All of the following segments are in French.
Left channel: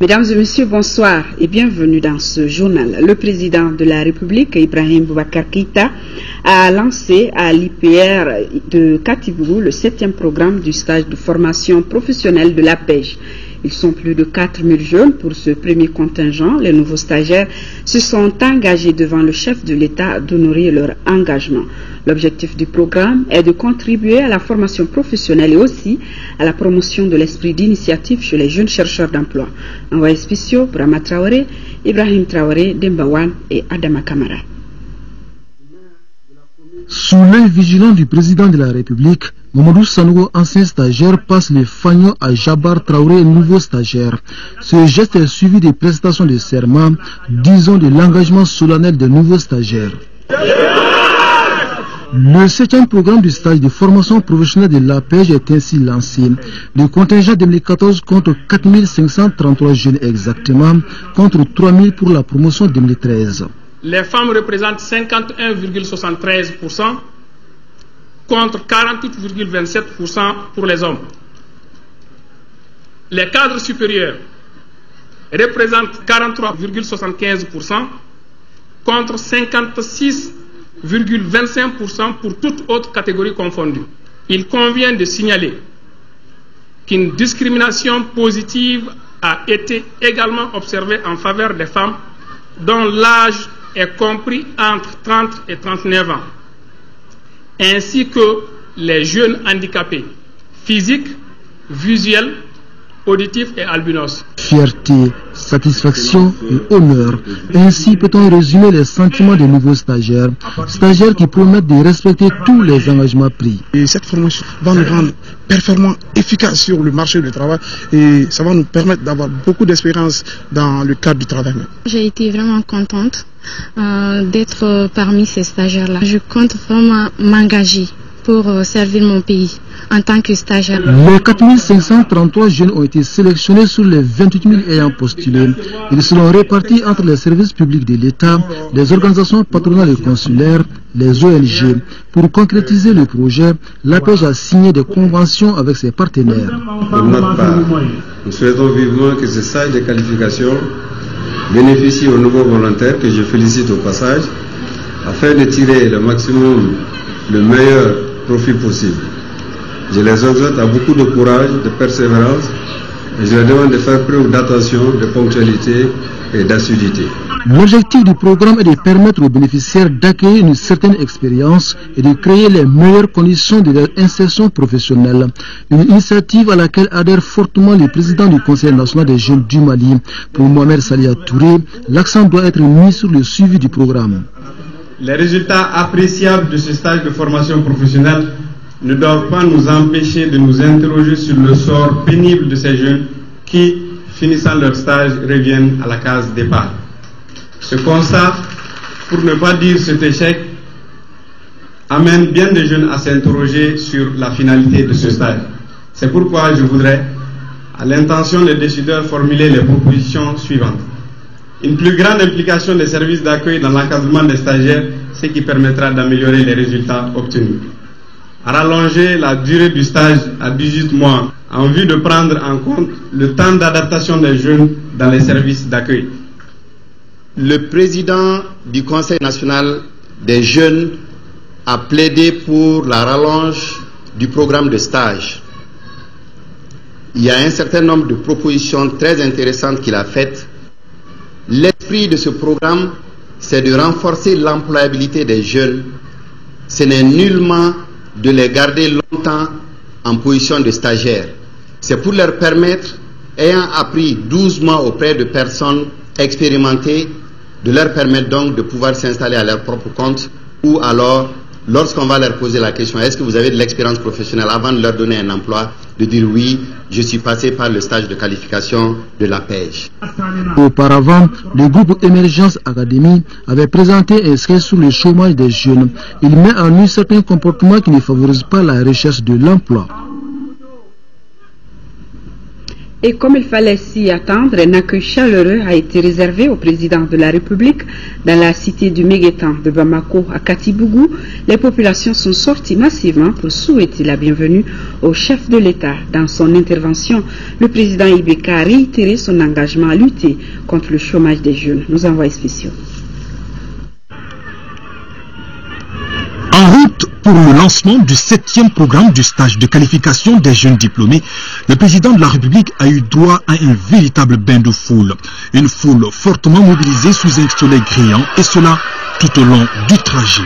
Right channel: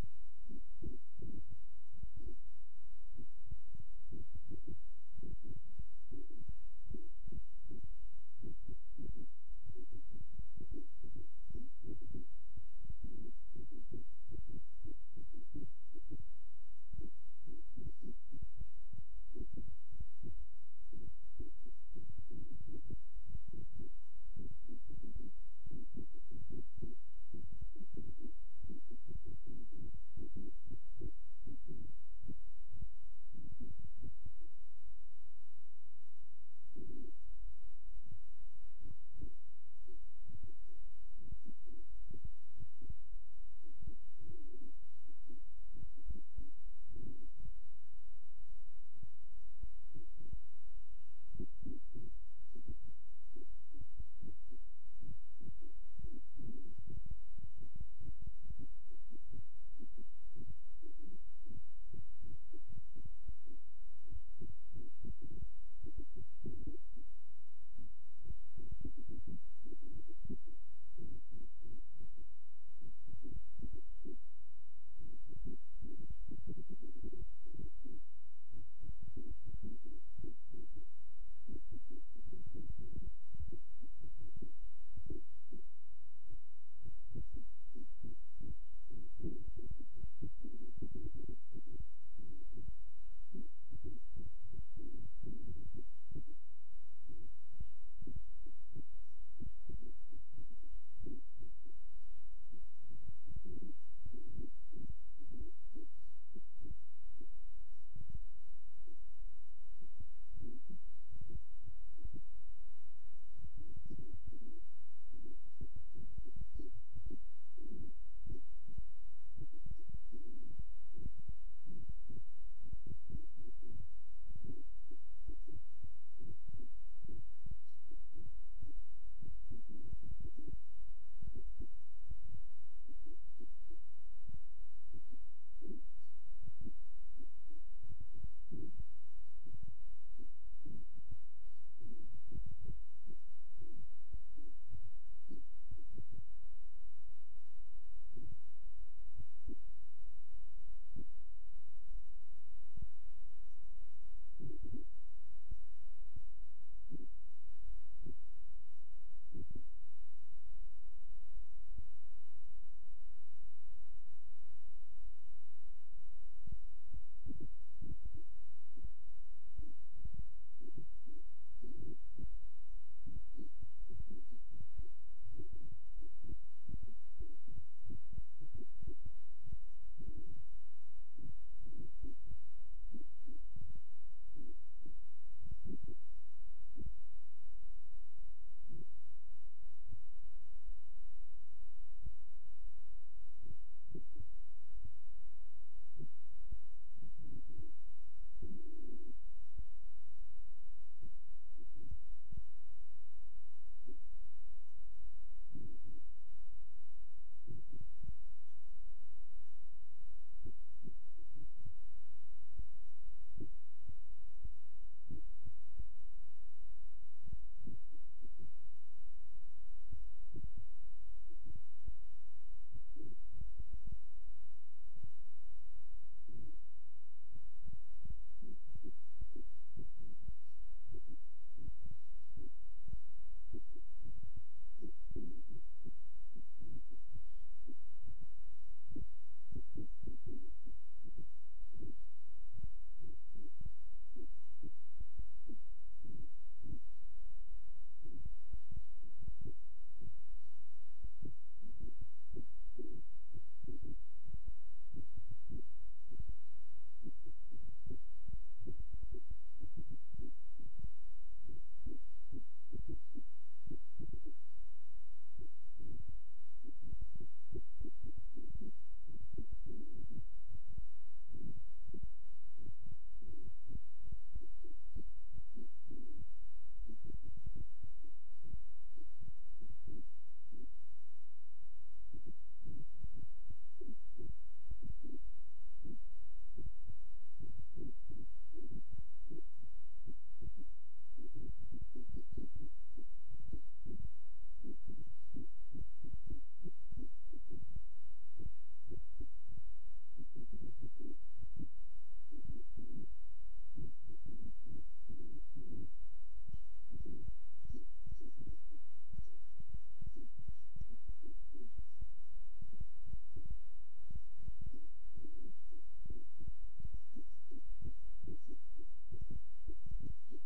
Mesdames et messieurs, bonsoir et bienvenue dans ce journal. Le président de la République, Ibrahim Boubacar Keïta, a lancé à l'IPR de Katibougou le 7e programme du stage de formation professionnelle de la pêche. Ils sont plus de 4000 jeunes pour ce premier contingent. Les nouveaux stagiaires se sont engagés devant le chef de l'État d'honorer leur engagement. L'objectif du programme est de contribuer à la formation professionnelle et aussi à la promotion de l'esprit d'initiative chez les jeunes chercheurs d'emploi. Envoyés spéciaux, Brahma Traoré, Ibrahim Traoré, Dembawan et Adama Kamara. Sous l'œil vigilant du président de la République, Mamadou Sanogo, ancien stagiaire, passe le fanion à Jabar Traoré, nouveau stagiaire. Ce geste est suivi des prestations de serment, disons de l'engagement solennel des nouveaux stagiaires. Le 7e programme du stage de formation professionnelle de la pêche est ainsi lancé. Le contingent 2014 compte 4533 jeunes exactement, contre 3000 pour la promotion 2013. Les femmes représentent 51,73% contre 48,27% pour les hommes. Les cadres supérieurs représentent 43,75% contre 56,25% pour toute autre catégorie confondue. Il convient de signaler qu'une discrimination positive a été également observée en faveur des femmes dont l'âge est compris entre 30 et 39 ans, ainsi que les jeunes handicapés physiques, visuels, auditifs et albinos. Fierté, satisfaction et honneur. Ainsi peut-on résumer les sentiments des nouveaux stagiaires qui promettent de respecter tous les engagements pris. Et cette formation va nous rendre performants, efficaces sur le marché du travail et ça va nous permettre d'avoir beaucoup d'expérience dans le cadre du travail. J'ai été vraiment contente d'être parmi ces stagiaires-là. Je compte vraiment m'engager pour servir mon pays en tant que stagiaire. Les 4533 jeunes ont été sélectionnés sur les 28 000 ayant postulé. Ils seront répartis entre les services publics de l'État, les organisations patronales et consulaires, les ONG. Pour concrétiser le projet, l'APEJ a signé des conventions avec ses partenaires. Pour notre part, nous souhaitons vivement que ce stage de qualification bénéficie aux nouveaux volontaires, que je félicite au passage, afin de tirer le maximum, le meilleur profit possible. Je les exhorte à beaucoup de courage, de persévérance et je leur demande de faire preuve d'attention, de ponctualité et d'assiduité. L'objectif du programme est de permettre aux bénéficiaires d'acquérir une certaine expérience et de créer les meilleures conditions de leur insertion professionnelle. Une initiative à laquelle adhère fortement le président du Conseil national des jeunes du Mali. Pour Mohamed Salia Touré, l'accent doit être mis sur le suivi du programme. Les résultats appréciables de ce stage de formation professionnelle ne doivent pas nous empêcher de nous interroger sur le sort pénible de ces jeunes qui, finissant leur stage, reviennent à la case départ. Ce constat, pour ne pas dire cet échec, amène bien des jeunes à s'interroger sur la finalité de ce stage. C'est pourquoi je voudrais, à l'intention des décideurs, formuler les propositions suivantes. Une plus grande implication des services d'accueil dans l'encadrement des stagiaires, ce qui permettra d'améliorer les résultats obtenus. Rallonger la durée du stage à 18 mois en vue de prendre en compte le temps d'adaptation des jeunes dans les services d'accueil. Le président du Conseil national des jeunes a plaidé pour la rallonge du programme de stage. Il y a un certain nombre de propositions très intéressantes qu'il a faites. L'esprit de ce programme, c'est de renforcer l'employabilité des jeunes. Ce n'est nullement de les garder longtemps en position de stagiaires. C'est pour leur permettre, ayant appris 12 mois auprès de personnes expérimentées, de leur permettre donc de pouvoir s'installer à leur propre compte, ou alors, lorsqu'on va leur poser la question, est-ce que vous avez de l'expérience professionnelle, avant de leur donner un emploi, de dire oui, je suis passé par le stage de qualification de la pêche. Auparavant, le groupe Émergence Académie avait présenté un sketch sur le chômage des jeunes. Il met en nu certains comportements qui ne favorisent pas la recherche de l'emploi. Et comme il fallait s'y attendre, un accueil chaleureux a été réservé au président de la République dans la cité du Méguétan de Bamako à Katibougou. Les populations sont sorties massivement pour souhaiter la bienvenue au chef de l'État. Dans son intervention, le président Ibeka a réitéré son engagement à lutter contre le chômage des jeunes. Nos envoyés spéciaux. En route pour le lancement du 7e programme du stage de qualification des jeunes diplômés, le président de la République a eu droit à un véritable bain de foule. Une foule fortement mobilisée sous un soleil brillant, et cela tout au long du trajet.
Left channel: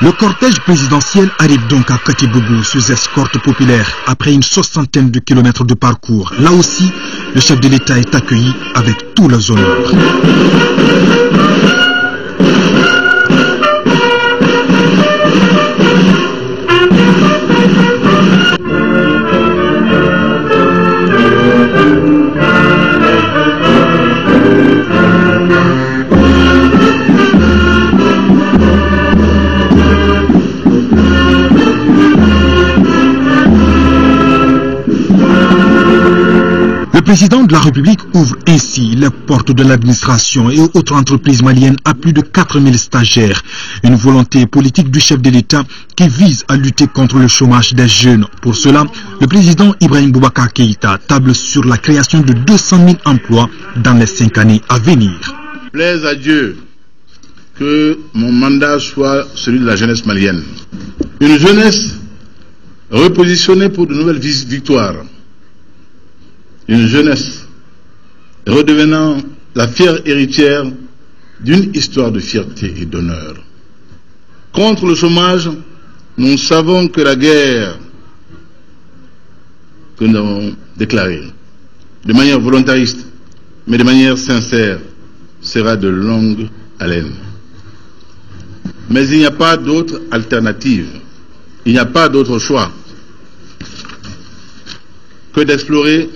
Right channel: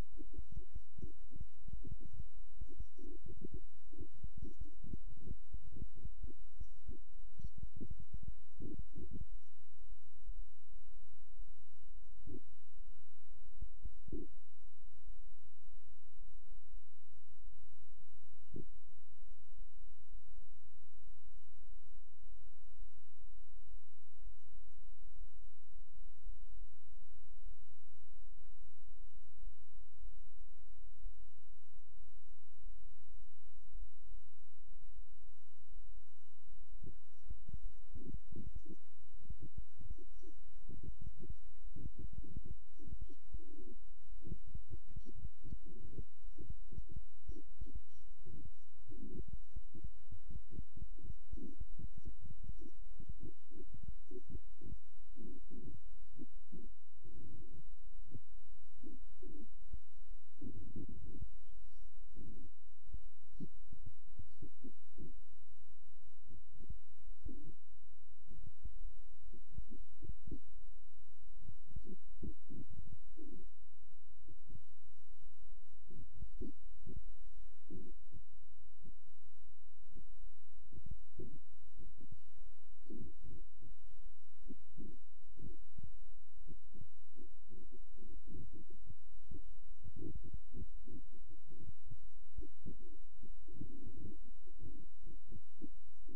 Le cortège présidentiel arrive donc à Katibougou sous escorte populaire après une 60aine de kilomètres de parcours. Là aussi, le chef de l'État est accueilli avec tous les honneurs. Le président de la République ouvre ainsi les portes de l'administration et aux autres entreprises maliennes à plus de 4000 stagiaires. Une volonté politique du chef de l'État qui vise à lutter contre le chômage des jeunes. Pour cela, le président Ibrahim Boubacar Keïta table sur la création de 200 000 emplois dans les 5 années à venir. Plaise à Dieu que mon mandat soit celui de la jeunesse malienne. Une jeunesse repositionnée pour de nouvelles victoires. Une jeunesse redevenant la fière héritière d'une histoire de fierté et d'honneur. Contre le chômage, nous savons que la guerre que nous avons déclarée, de manière volontariste, mais de manière sincère, sera de longue haleine. Mais il n'y a pas d'autre alternative, il n'y a pas d'autre choix que d'explorer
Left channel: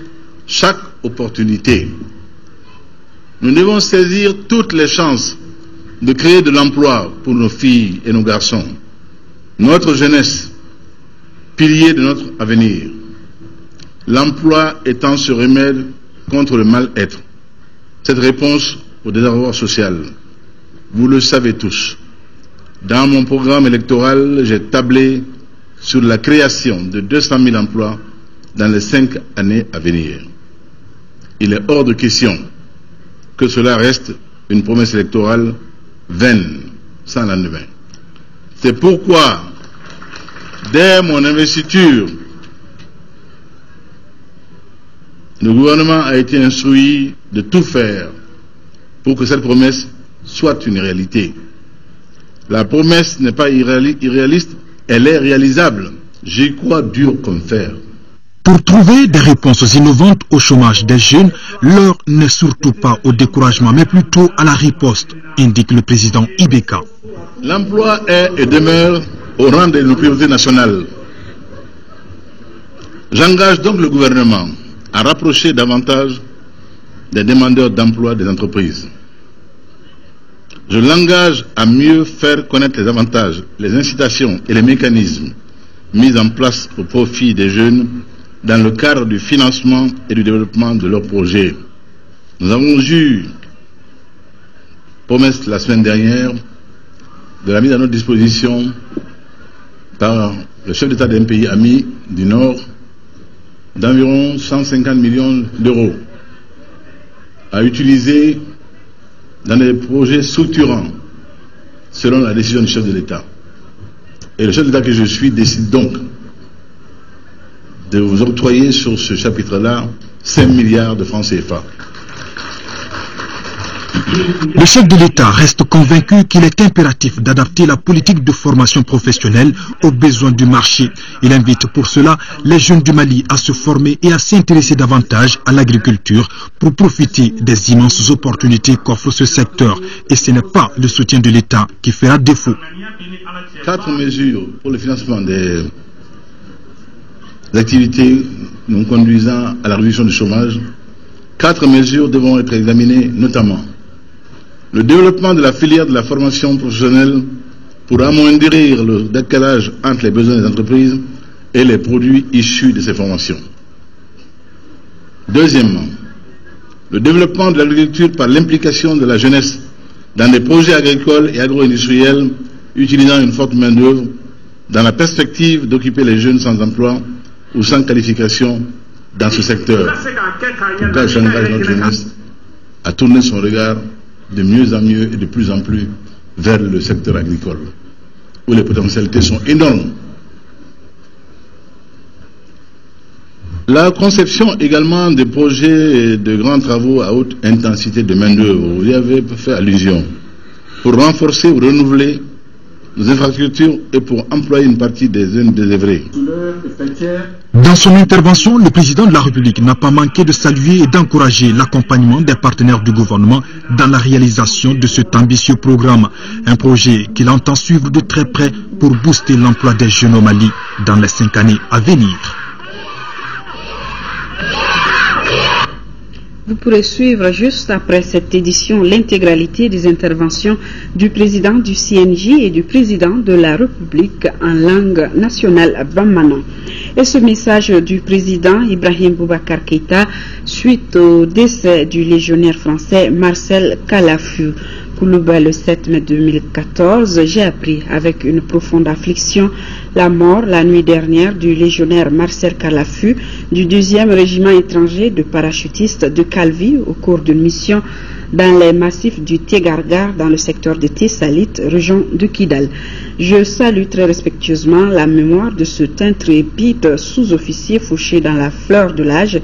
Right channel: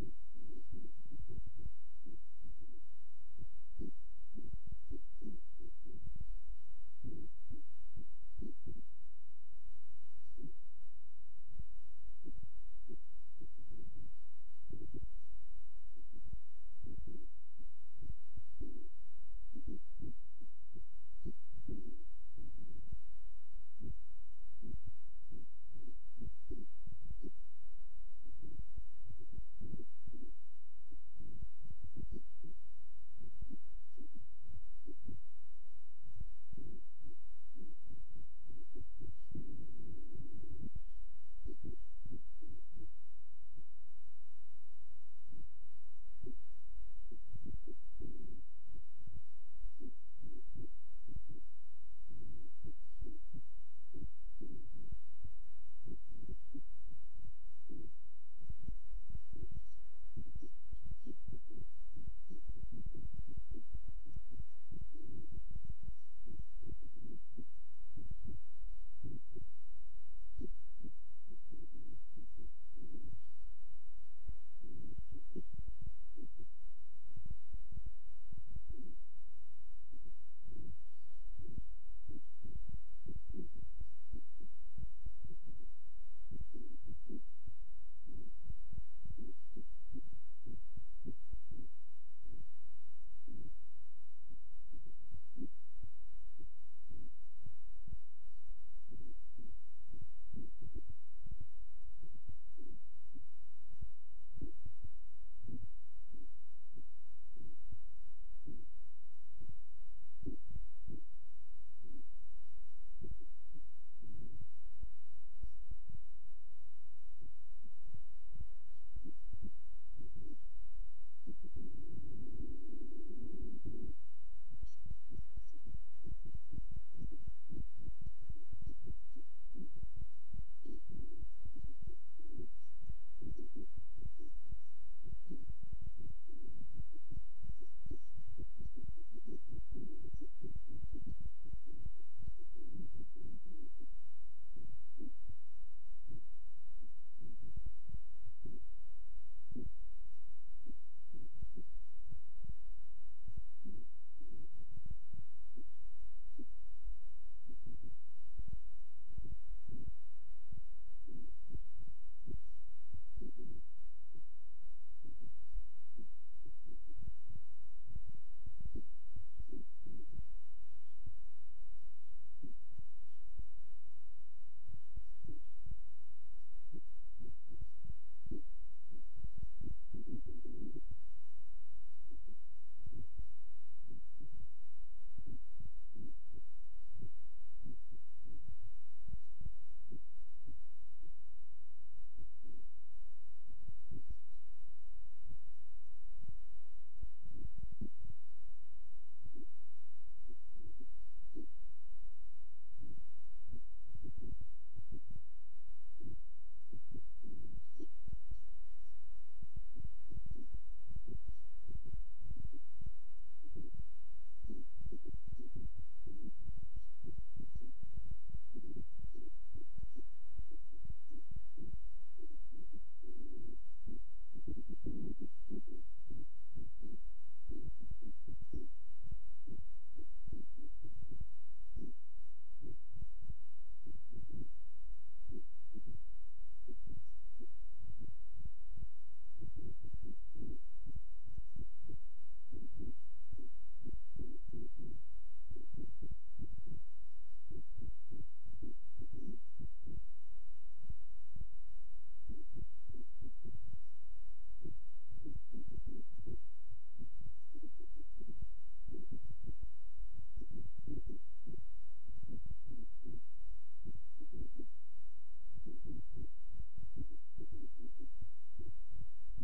chaque opportunité. Nous devons saisir toutes les chances de créer de l'emploi pour nos filles et nos garçons, notre jeunesse, pilier de notre avenir. L'emploi étant ce remède contre le mal-être, cette réponse au désarroi social. Vous le savez tous. Dans mon programme électoral, j'ai tablé sur la création de 200 000 emplois dans les 5 années à venir. Il est hors de question que cela reste une promesse électorale vaine, sans lendemain. C'est pourquoi, dès mon investiture, le gouvernement a été instruit de tout faire pour que cette promesse soit une réalité. La promesse n'est pas irréaliste, elle est réalisable. J'y crois dur comme fer. Pour trouver des réponses innovantes au chômage des jeunes, l'heure n'est surtout pas au découragement, mais plutôt à la riposte, indique le président Ibeka. L'emploi est et demeure au rang de nos priorités nationales. J'engage donc le gouvernement à rapprocher davantage des demandeurs d'emploi des entreprises. Je l'engage à mieux faire connaître les avantages, les incitations et les mécanismes mis en place au profit des jeunes dans le cadre du financement et du développement de leurs projets. Nous avons eu promesse la semaine dernière de la mise à notre disposition par le chef d'État d'un pays ami du Nord d'environ 150 millions d'euros à utiliser dans des projets structurants selon la décision du chef de l'État. Et le chef de l'État que je suis décide donc de vous octroyer sur ce chapitre-là 5 milliards de francs CFA. Le chef de l'État reste convaincu qu'il est impératif d'adapter la politique de formation professionnelle aux besoins du marché. Il invite pour cela les jeunes du Mali à se former et à s'intéresser davantage à l'agriculture pour profiter des immenses opportunités qu'offre ce secteur. Et ce n'est pas le soutien de l'État qui fera défaut. 4 mesures pour le financement des activités nous conduisant à la réduction du chômage. 4 mesures devront être examinées, notamment le développement de la filière de la formation professionnelle pour amoindrir le décalage entre les besoins des entreprises et les produits issus de ces formations. Deuxièmement, le développement de l'agriculture par l'implication de la jeunesse dans des projets agricoles et agro-industriels utilisant une forte main-d'œuvre dans la perspective d'occuper les jeunes sans emploi ou sans qualification dans ce secteur. En tout cas, j'engage notre jeunesse à tourner son regard de mieux en mieux et de plus en plus vers le secteur agricole, où les potentialités sont énormes. La conception également des projets de grands travaux à haute intensité de main-d'œuvre, vous y avez fait allusion, pour renforcer ou renouveler nos infrastructures et pour employer une partie des zones désœuvrées. Dans son intervention, le président de la République n'a pas manqué de saluer et d'encourager l'accompagnement des partenaires du gouvernement dans la réalisation de cet ambitieux programme. Un projet qu'il entend suivre de très près pour booster l'emploi des jeunes au Mali dans les 5 années à venir. Vous pourrez suivre juste après cette édition l'intégralité des interventions du président du CNJ et du président de la République en langue nationale bambana. Et ce message du président Ibrahim Boubacar Keïta suite au décès du légionnaire français Marcel Kalafu. Koulouba, le 7 mai 2014, j'ai appris avec une profonde affliction la mort la nuit dernière du légionnaire Marcel Kalafu du 2e régiment étranger de parachutistes de Calvi au cours d'une mission dans les massifs du Tégargar dans le secteur de Tessalit, région de Kidal. Je salue très respectueusement la mémoire de cet intrépide sous-officier fauché dans la fleur de l'âge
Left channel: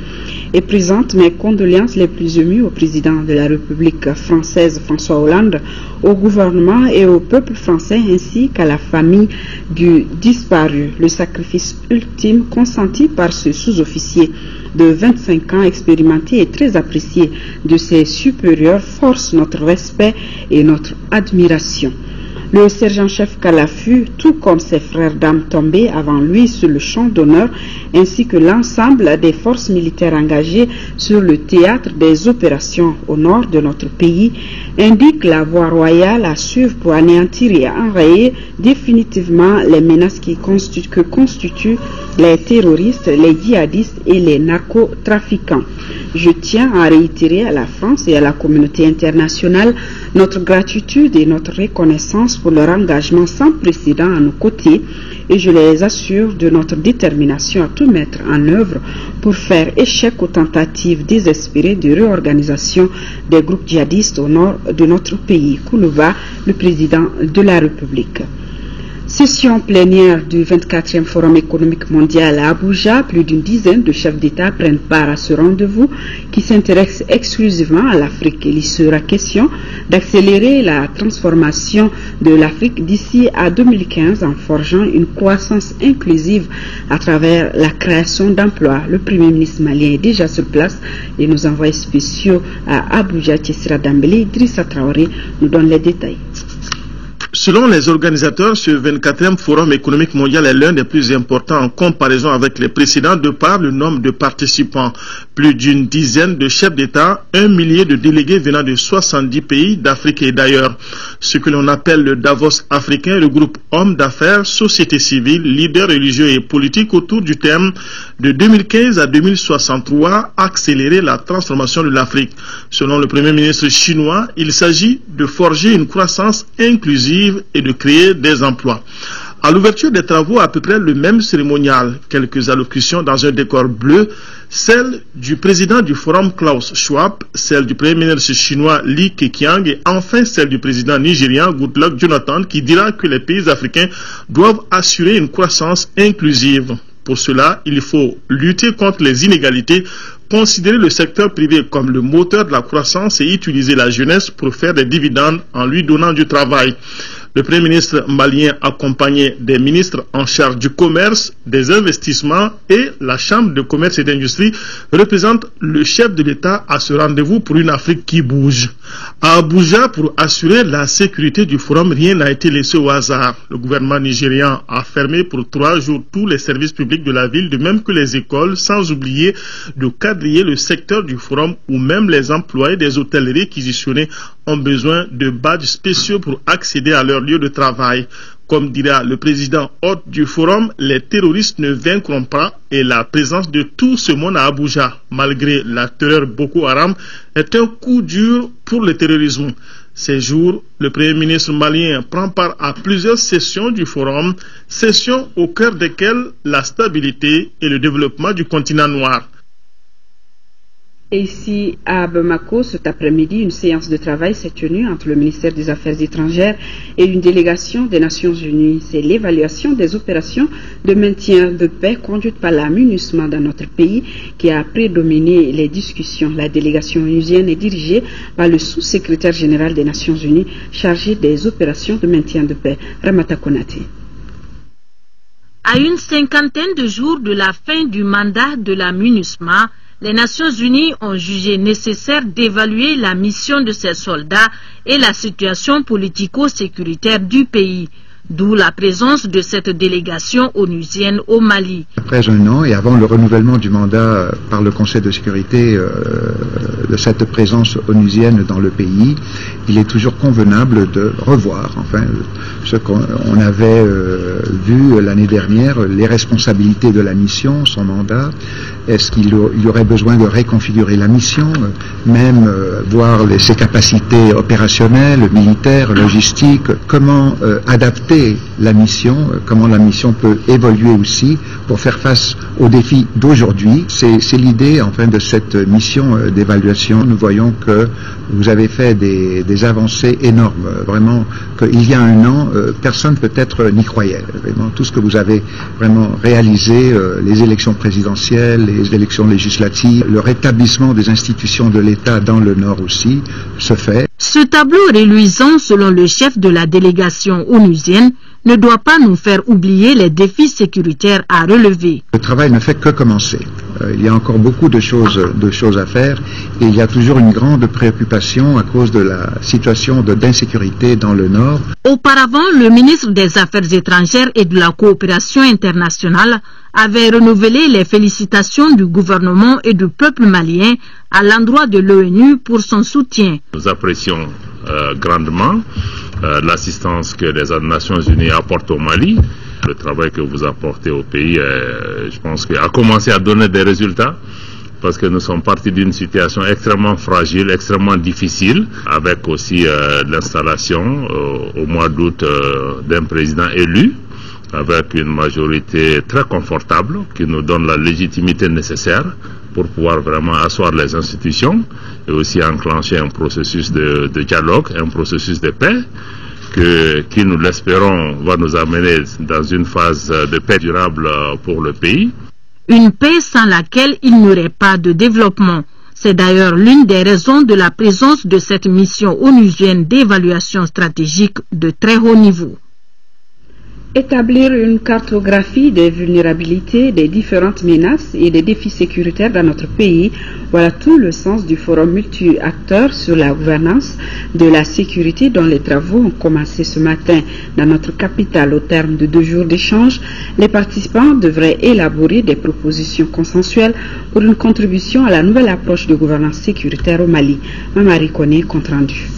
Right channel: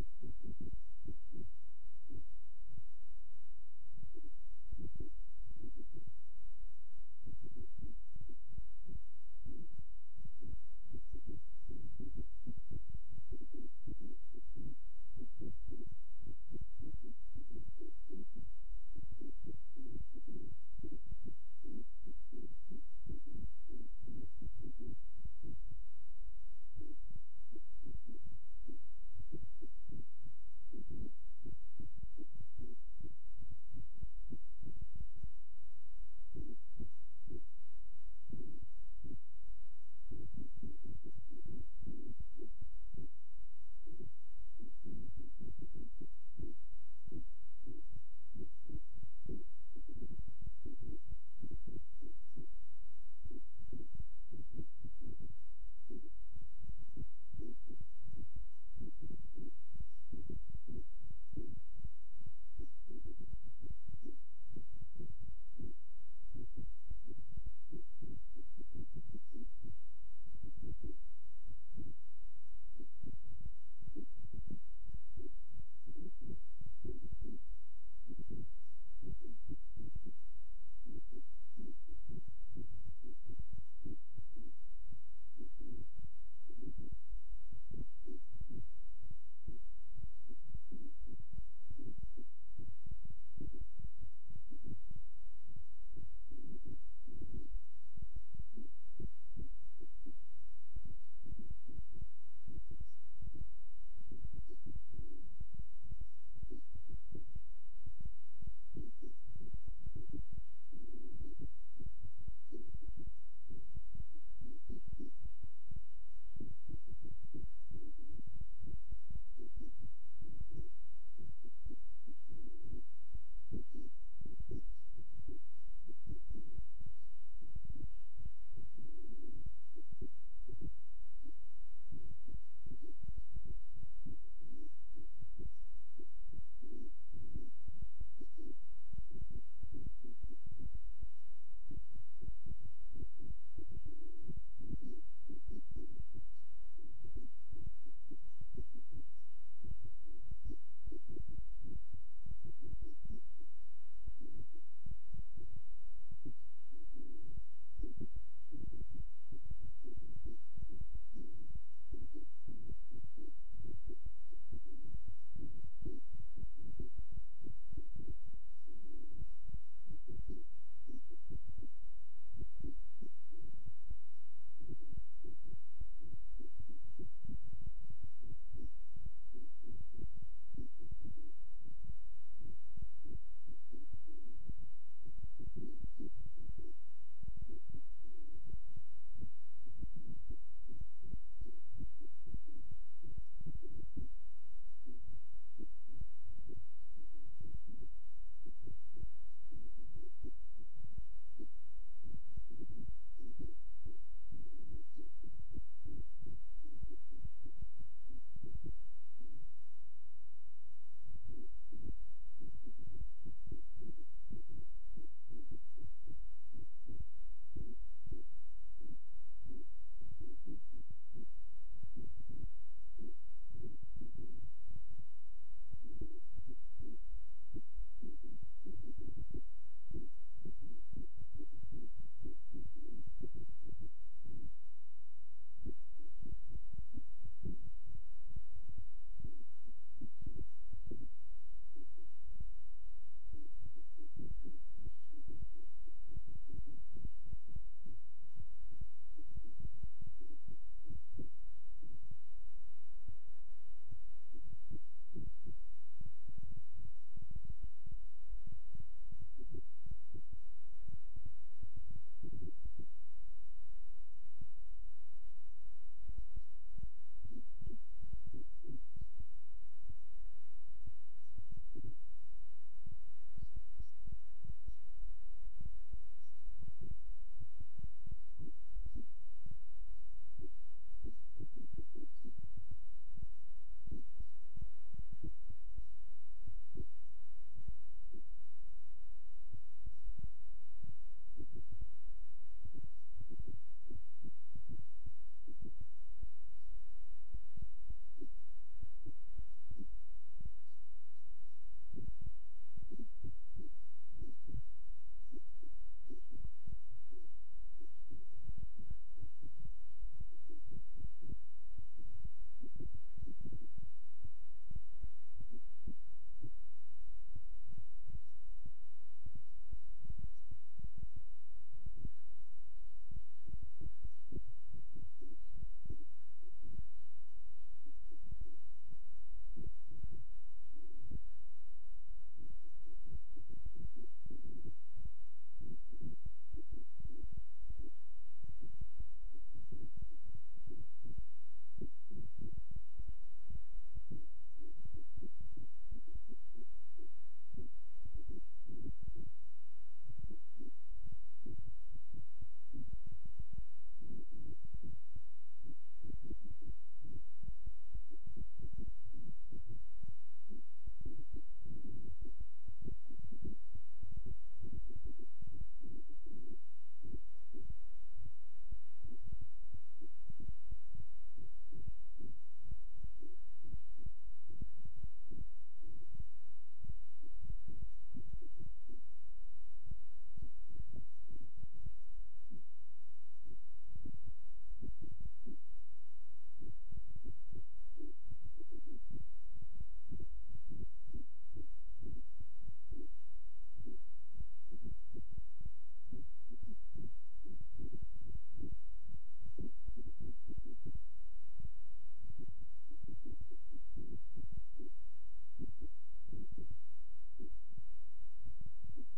et présente mes condoléances les plus émues au président de la République française François Hollande, au gouvernement et au peuple français ainsi qu'à la famille du disparu. Le sacrifice ultime consenti par ce sous-officier de 25 ans expérimenté et très apprécié de ses supérieurs force notre respect et notre admiration. Le sergent-chef Kalafu, tout comme ses frères d'armes tombés avant lui sur le champ d'honneur, ainsi que l'ensemble des forces militaires engagées sur le théâtre des opérations au nord de notre pays, indiquent la voie royale à suivre pour anéantir et enrayer définitivement les menaces que constituent les terroristes, les djihadistes et les narcotrafiquants. Je tiens à réitérer à la France et à la communauté internationale notre gratitude et notre reconnaissance pour leur engagement sans précédent à nos côtés et je les assure de notre détermination à tout mettre en œuvre pour faire échec aux tentatives désespérées de réorganisation des groupes djihadistes au nord de notre pays. Koulouba, le président de la République. Session plénière du 24e Forum économique mondial à Abuja, plus d'une dizaine de chefs d'État prennent part à ce rendez-vous qui s'intéresse exclusivement à l'Afrique. Il y sera question d'accélérer la transformation de l'Afrique d'ici à 2015 en forgeant une croissance inclusive à travers la création d'emplois. Le Premier ministre malien est déjà sur place et nos envoyés spéciaux à Abuja, Tchessira Dambélé, Idrissa Traoré nous donnent les détails. Selon les organisateurs, ce 24e Forum économique mondial est l'un des plus importants en comparaison avec les précédents de par le nombre de participants. Plus d'une dizaine de chefs d'État, 1 millier de délégués venant de 70 pays d'Afrique et d'ailleurs. Ce que l'on appelle le Davos africain regroupe hommes d'affaires, sociétés civiles, leaders religieux et politiques autour du thème de 2015 à 2063, accélérer la transformation de l'Afrique. Selon le Premier ministre chinois, il s'agit de forger une croissance inclusive et de créer des emplois. À l'ouverture des travaux, à peu près le même cérémonial, quelques allocutions dans un décor bleu, celle du président du Forum Klaus Schwab, celle du premier ministre chinois Li Keqiang et enfin celle du président nigérian Goodluck Jonathan qui dira que les pays africains doivent assurer une croissance inclusive. Pour cela, il faut lutter contre les inégalités, considérer le secteur privé comme le moteur de la croissance et utiliser la jeunesse pour faire des dividendes en lui donnant du travail. Le Premier ministre malien accompagné des ministres en charge du commerce, des investissements et la Chambre de commerce et d'industrie représente le chef de l'État à ce rendez-vous pour une Afrique qui bouge. À Abuja, pour assurer la sécurité du forum, rien n'a été laissé au hasard. Le gouvernement nigérian a fermé pour 3 jours tous les services publics de la ville, de même que les écoles, sans oublier de quadriller le secteur du forum où même les employés des hôtels réquisitionnés ont besoin de badges spéciaux pour accéder à leur lieu de travail. Comme dira le président hôte du forum, les terroristes ne vaincront pas et la présence de tout ce monde à Abuja, malgré la terreur Boko Haram, est un coup dur pour le terrorisme. Ces jours, le Premier ministre malien prend part à plusieurs sessions du forum, sessions au cœur desquelles la stabilité et le développement du continent noir. Et ici, à Bamako, cet après-midi, une séance de travail s'est tenue entre le ministère des Affaires étrangères et une délégation des Nations Unies. C'est l'évaluation des opérations de maintien de paix conduites par la MINUSMA dans notre pays qui a prédominé les discussions. La délégation onusienne est dirigée par le sous-secrétaire général des Nations Unies chargé des opérations de maintien de paix, Ramata Konate. À une 50aine de jours de la fin du mandat de la MINUSMA, les Nations Unies ont jugé nécessaire d'évaluer la mission de ces soldats et la situation politico-sécuritaire du pays, d'où la présence de cette délégation onusienne au Mali. Après un an et avant le renouvellement du mandat par le Conseil de sécurité de cette présence onusienne dans le pays, il est toujours convenable de revoir ce qu'on avait vu l'année dernière, les responsabilités de la mission, son mandat. Est-ce qu'il y aurait besoin de réconfigurer la mission, même voir ses capacités opérationnelles, militaires, logistiques, comment adapter la mission, comment la mission peut évoluer aussi pour faire face aux défis d'aujourd'hui. C'est l'idée de cette mission d'évaluation. Nous voyons que vous avez fait des avancées énormes. Vraiment, qu'il y a un an, personne peut-être n'y croyait. Vraiment, tout ce que vous avez vraiment réalisé, les élections présidentielles, les élections législatives, le rétablissement des institutions de l'État dans le Nord aussi se fait. Ce tableau reluisant, selon le chef de la délégation onusienne, ne doit pas nous faire oublier les défis sécuritaires à relever. Le travail ne fait que commencer. Il y a encore beaucoup de choses à faire et il y a toujours une grande préoccupation à cause de la situation d'insécurité dans le Nord. Auparavant, le ministre des Affaires étrangères et de la coopération internationale avait renouvelé les félicitations du gouvernement et du peuple malien à l'endroit de l'ONU pour son soutien. Nous apprécions grandement l'assistance que les Nations Unies apportent au Mali. Le travail que vous apportez au pays, je pense qu'il a commencé à donner des résultats parce que nous sommes partis d'une situation extrêmement fragile, extrêmement difficile, avec aussi l'installation au mois d'août d'un président élu, avec une majorité très confortable qui nous donne la légitimité nécessaire pour pouvoir vraiment asseoir les institutions et aussi enclencher un processus de dialogue, un processus de paix qui, nous l'espérons, va nous amener dans une phase de paix durable pour le pays. Une paix sans laquelle il n'y aurait pas de développement. C'est d'ailleurs l'une des raisons de la présence de cette mission onusienne d'évaluation stratégique de très haut niveau. Établir une cartographie des vulnérabilités, des différentes menaces et des défis sécuritaires dans notre pays, voilà tout le sens du forum multi-acteurs sur la gouvernance de la sécurité dont les travaux ont commencé ce matin dans notre capitale. Au terme de 2 jours d'échange, les participants devraient élaborer des propositions consensuelles pour une contribution à la nouvelle approche de gouvernance sécuritaire au Mali. Mamari Koné, compte rendu.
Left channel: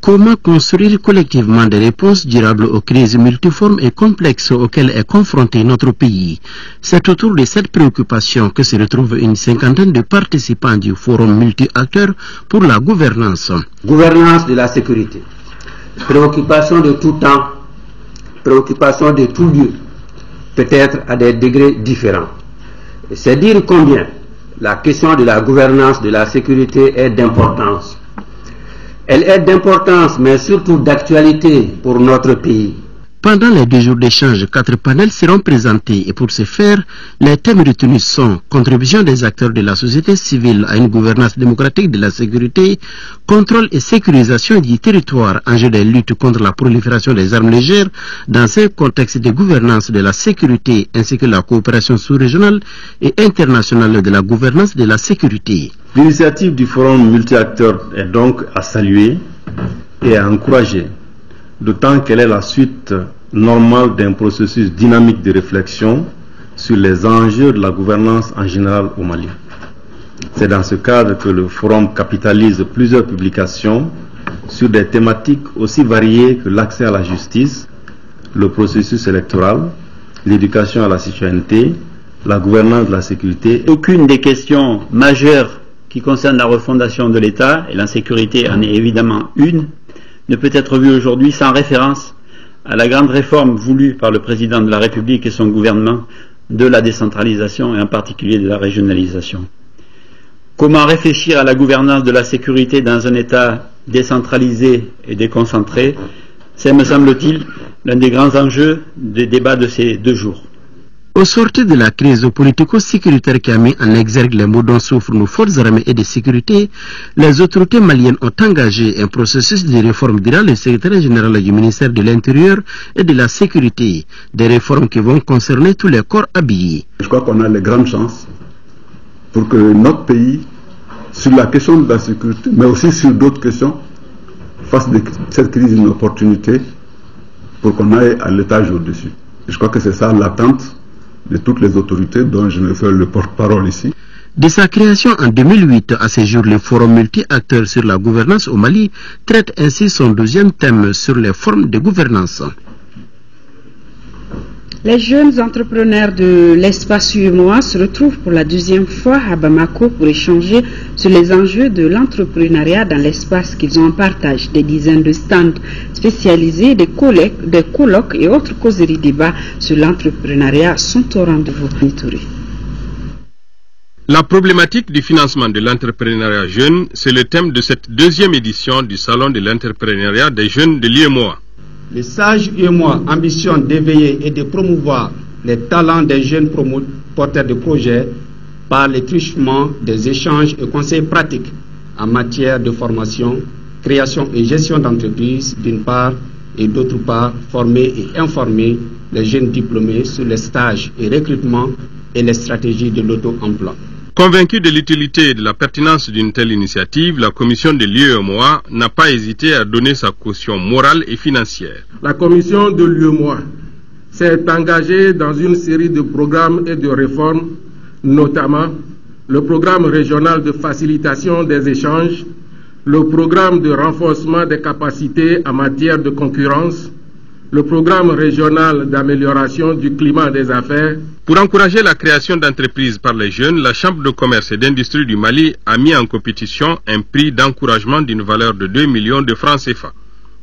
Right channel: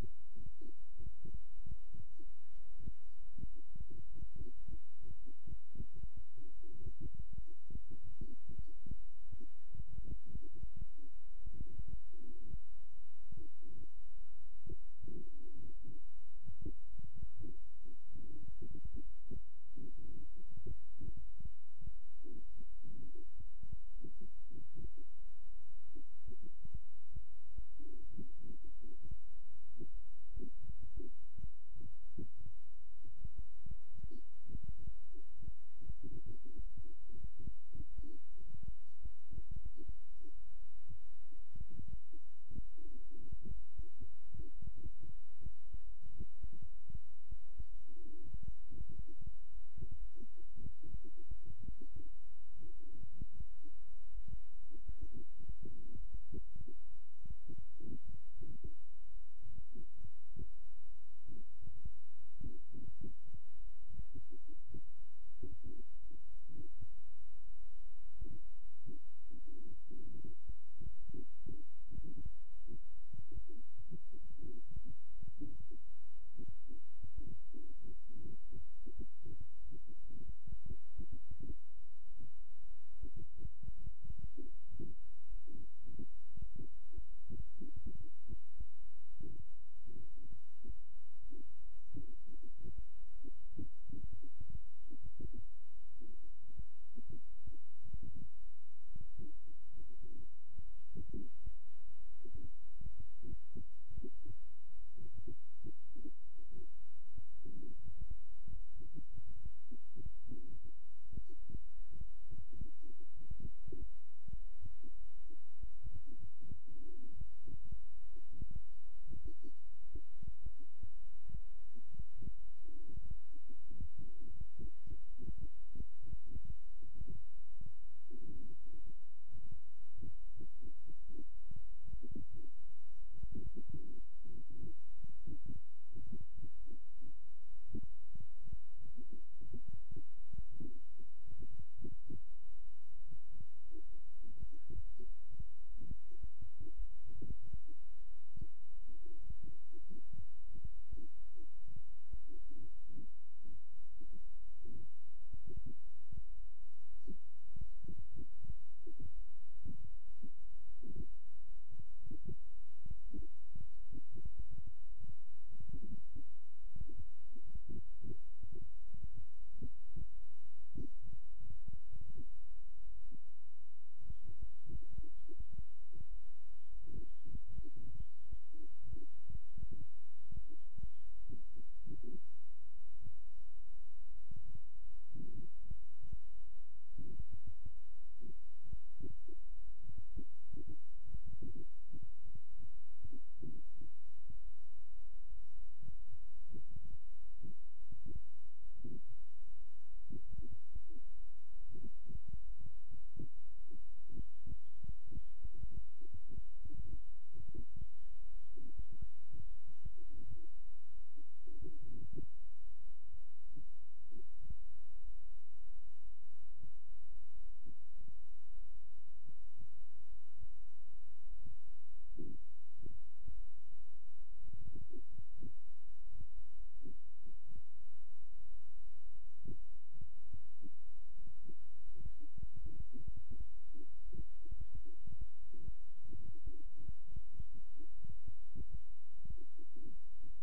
Comment construire collectivement des réponses durables aux crises multiformes et complexes auxquelles est confronté notre pays? C'est autour de cette préoccupation que se retrouve une 50aine de participants du forum multi-acteurs pour la gouvernance. Gouvernance de la sécurité. Préoccupation de tout temps. préoccupation de tout lieu, peut-être à des degrés différents. C'est dire combien la question de la gouvernance de la sécurité est d'importance. Elle est d'importance, mais surtout d'actualité pour notre pays. Pendant les 2 jours d'échange, 4 panels seront présentés et pour ce faire, les thèmes retenus sont contribution des acteurs de la société civile à une gouvernance démocratique de la sécurité, contrôle et sécurisation du territoire, enjeu des luttes contre la prolifération des armes légères dans un contexte de gouvernance de la sécurité ainsi que la coopération sous-régionale et internationale de la gouvernance de la sécurité. L'initiative du forum multi-acteurs est donc à saluer et à encourager, d'autant qu'elle est la suite normale d'un processus dynamique de réflexion sur les enjeux de la gouvernance en général au Mali. C'est dans ce cadre que le forum capitalise plusieurs publications sur des thématiques aussi variées que l'accès à la justice, le processus électoral, l'éducation à la citoyenneté, la gouvernance de la sécurité. Aucune des questions majeures qui concernent la refondation de l'État, et l'insécurité en est évidemment une, ne peut être vue aujourd'hui sans référence à la grande réforme voulue par le président de la République et son gouvernement de la décentralisation et en particulier de la régionalisation. Comment réfléchir à la gouvernance de la sécurité dans un État décentralisé et déconcentré? C'est, me semble-t-il, l'un des grands enjeux des débats de ces 2 jours. Au sortir de la crise politico-sécuritaire qui a mis en exergue les maux dont souffrent nos forces armées et de sécurité, les autorités maliennes ont engagé un processus de réforme, dira le secrétaire général du ministère de l'Intérieur et de la Sécurité, des réformes qui vont concerner tous les corps habillés. Je crois qu'on a les grandes chances pour que notre pays, sur la question de la sécurité, mais aussi sur d'autres questions, fasse de cette crise une opportunité pour qu'on aille à l'étage au-dessus. Je crois que c'est ça l'attente de toutes les autorités dont je me fais le porte-parole ici. De sa création en 2008 à ce jour, le forum multi-acteurs sur la gouvernance au Mali traite ainsi son 2e thème sur les formes de gouvernance. Les jeunes entrepreneurs de l'espace UEMOA se retrouvent pour la 2e fois à Bamako pour échanger sur les enjeux de l'entrepreneuriat dans l'espace qu'ils ont en partage. Des dizaines de stands spécialisés, des colloques et autres causeries débats sur l'entrepreneuriat sont au rendez-vous. La problématique du financement de l'entrepreneuriat jeune, c'est le thème de cette 2e édition du Salon de l'entrepreneuriat des jeunes de l'UEMOA. Le SAGE UEMOA ambitionne d'éveiller et de promouvoir les talents des jeunes porteurs de projets par le truchement des échanges et conseils pratiques en matière de formation, création et gestion d'entreprises d'une part et d'autre part former et informer les jeunes diplômés sur les stages et recrutements et les stratégies de l'auto-emploi. Convaincue de l'utilité et de la pertinence d'une telle initiative, la commission de l'UEMOA n'a pas hésité à donner sa caution morale et financière. La commission de l'UEMOA s'est engagée dans une série de programmes et de réformes, notamment le programme régional de facilitation des échanges, le programme de renforcement des capacités en matière de concurrence, le programme régional d'amélioration du climat des affaires. Pour encourager la création d'entreprises par les jeunes, la Chambre de commerce et d'industrie du Mali a mis en compétition un prix d'encouragement d'une valeur de 2 millions de francs CFA.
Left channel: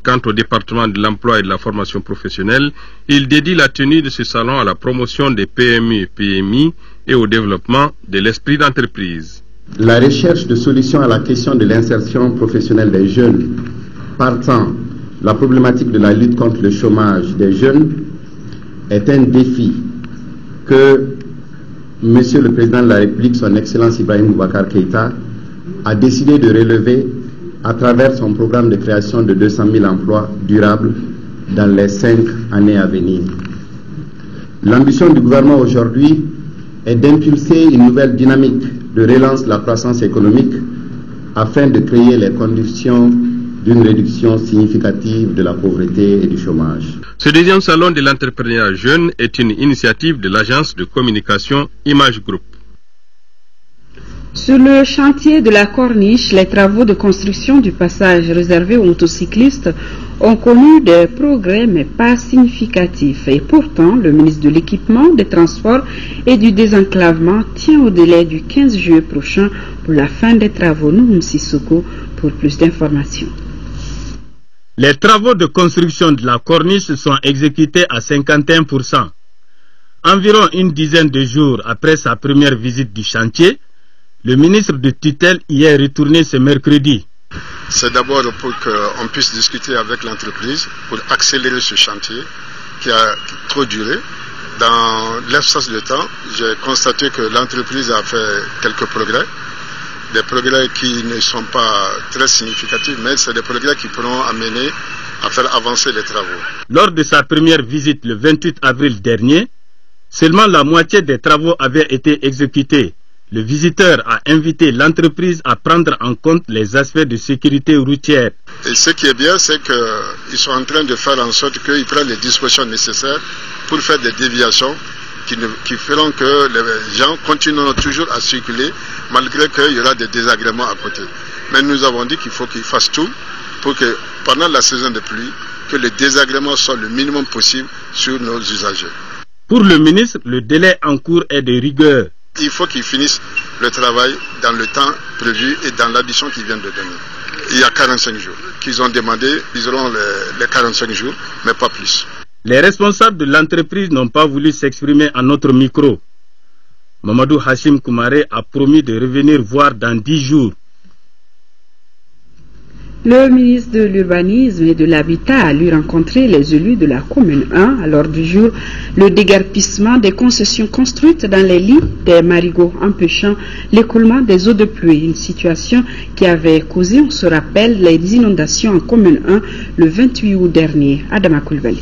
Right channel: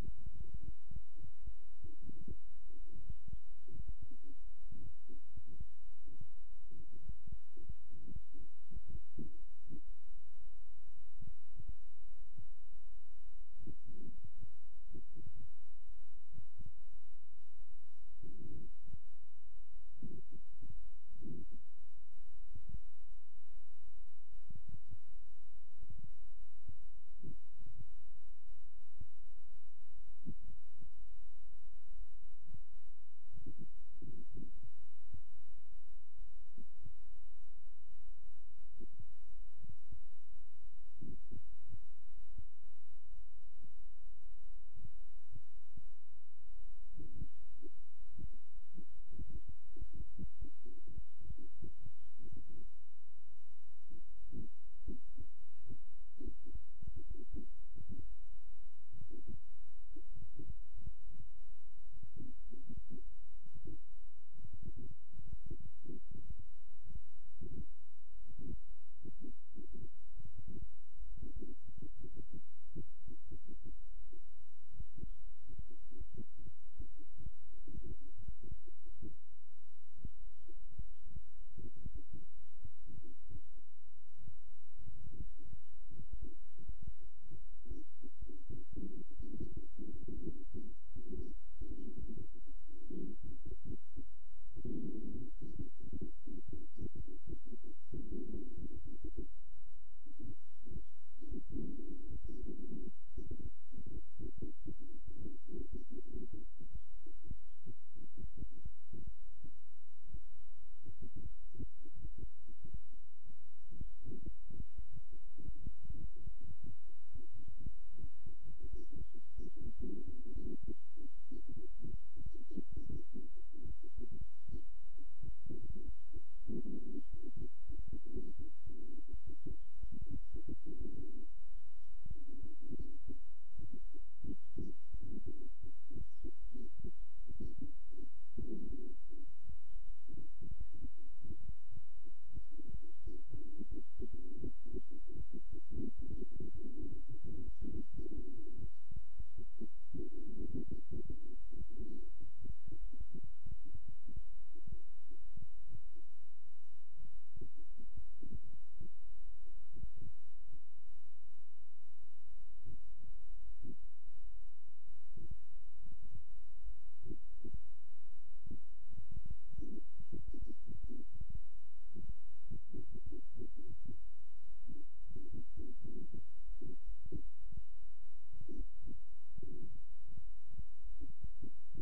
Quant au département de l'emploi et de la formation professionnelle, il dédie la tenue de ce salon à la promotion des PME et PMI et au développement de l'esprit d'entreprise. La recherche de solutions à la question de l'insertion professionnelle des jeunes, partant la problématique de la lutte contre le chômage des jeunes, est un défi que Monsieur le Président de la République, son Excellence Ibrahim Boubacar Keïta, a décidé de relever à travers son programme de création de 200 000 emplois durables dans les 5 années à venir. L'ambition du gouvernement aujourd'hui est d'impulser une nouvelle dynamique de relance de la croissance économique afin de créer les conditions d'une réduction significative de la pauvreté et du chômage. Ce 2e salon de l'entrepreneuriat jeune est une initiative de l'agence de communication Image Group. Sur le chantier de la Corniche, les travaux de construction du passage réservé aux motocyclistes ont connu des progrès mais pas significatifs. Et pourtant, le ministre de l'Équipement, des Transports et du Désenclavement tient au délai du 15 juillet prochain pour la fin des travaux. Nouhoum Sissoko pour plus d'informations. Les travaux de construction de la corniche sont exécutés à 51%. Environ une dizaine de jours après sa première visite du chantier, le ministre de tutelle y est retourné ce mercredi. C'est d'abord pour qu'on puisse discuter avec l'entreprise pour accélérer ce chantier qui a trop duré. Dans l'espace de temps, j'ai constaté que l'entreprise a fait quelques progrès. Des progrès qui ne sont pas très significatifs, mais c'est des progrès qui pourront amener à faire avancer les travaux. Lors de sa première visite le 28 avril dernier, seulement la moitié des travaux avaient été exécutés. Le visiteur a invité l'entreprise à prendre en compte les aspects de sécurité routière. Et ce qui est bien, c'est qu'ils sont en train de faire en sorte qu'ils prennent les dispositions nécessaires pour faire des déviations qui feront que les gens continueront toujours à circuler malgré qu'il y aura des désagréments à côté. Mais nous avons dit qu'il faut qu'ils fassent tout pour que pendant la saison de pluie, que les désagréments soient le minimum possible sur nos usagers. Pour le ministre, le délai en cours est de rigueur. Il faut qu'ils finissent le travail dans le temps prévu et dans l'addition qu'ils viennent de donner. Il y a 45 jours qu'ils ont demandé, ils auront les 45 jours, mais pas plus. Les responsables de l'entreprise n'ont pas voulu s'exprimer à notre micro. Mamadou Hashim Koumaré a promis de revenir voir dans 10 jours. Le ministre de l'Urbanisme et de l'Habitat a lui rencontré les élus de la commune 1 à l'ordre du jour le déguerpissement des concessions construites dans les lits des marigots empêchant l'écoulement des eaux de pluie, une situation qui avait causé, on se rappelle, les inondations en commune 1 le 28 août dernier. Adama Koulibaly.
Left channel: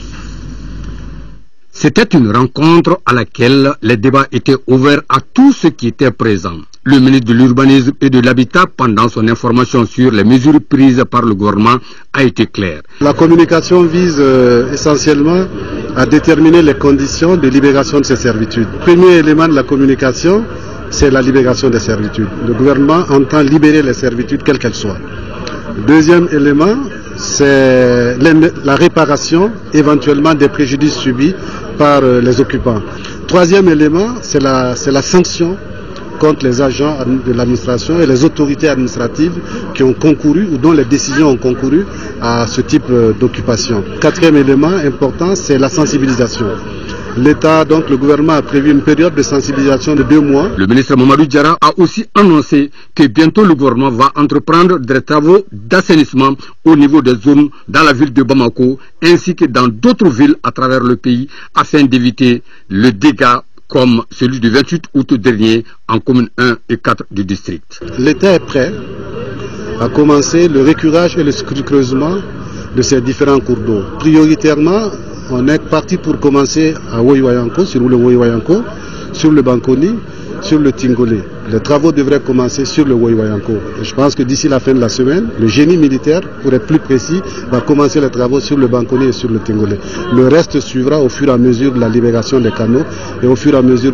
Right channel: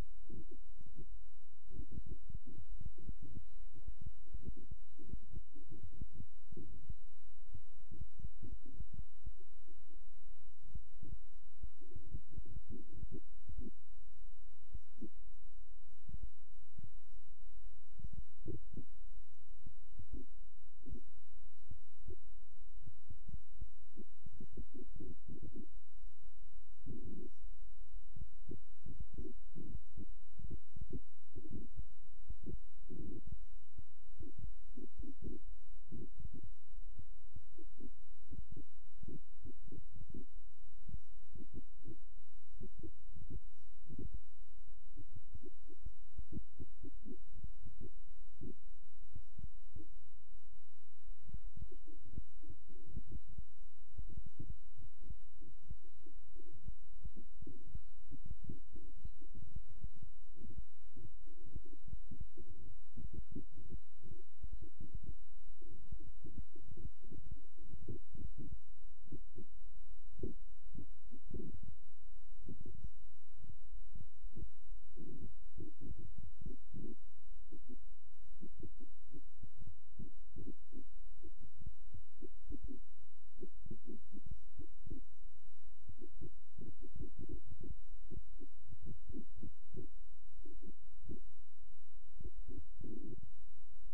C'était une rencontre à laquelle les débats étaient ouverts à tous ceux qui étaient présents. Le ministre de l'Urbanisme et de l'Habitat, pendant son information sur les mesures prises par le gouvernement, a été clair. La communication vise essentiellement à déterminer les conditions de libération de ces servitudes. Le premier élément de la communication, c'est la libération des servitudes. Le gouvernement entend libérer les servitudes, quelles qu'elles soient. Le deuxième élément, c'est la réparation éventuellement des préjudices subis par les occupants. Troisième élément, c'est la sanction contre les agents de l'administration et les autorités administratives qui ont concouru ou dont les décisions ont concouru à ce type d'occupation. Quatrième élément important, c'est la sensibilisation. L'État, donc le gouvernement a prévu une période de sensibilisation de 2 mois. Le ministre Mamadou Diarra a aussi annoncé que bientôt le gouvernement va entreprendre des travaux d'assainissement au niveau des zones dans la ville de Bamako ainsi que dans d'autres villes à travers le pays afin d'éviter le dégât comme celui du 28 août dernier en commune 1 et 4 du district. L'État est prêt à commencer le récurage et le creusement de ces différents cours d'eau. Prioritairement, on est parti pour commencer à Woywayanko, sur le Woywayanko, sur le Bankoni, sur le Tingolé. Les travaux devraient commencer sur le Woywayanko. Et je pense que d'ici la fin de la semaine, le génie militaire, pour être plus précis, va commencer les travaux sur le Bankoni et sur le Tingolé. Le reste suivra au fur et à mesure de la libération des canaux et au fur et à mesure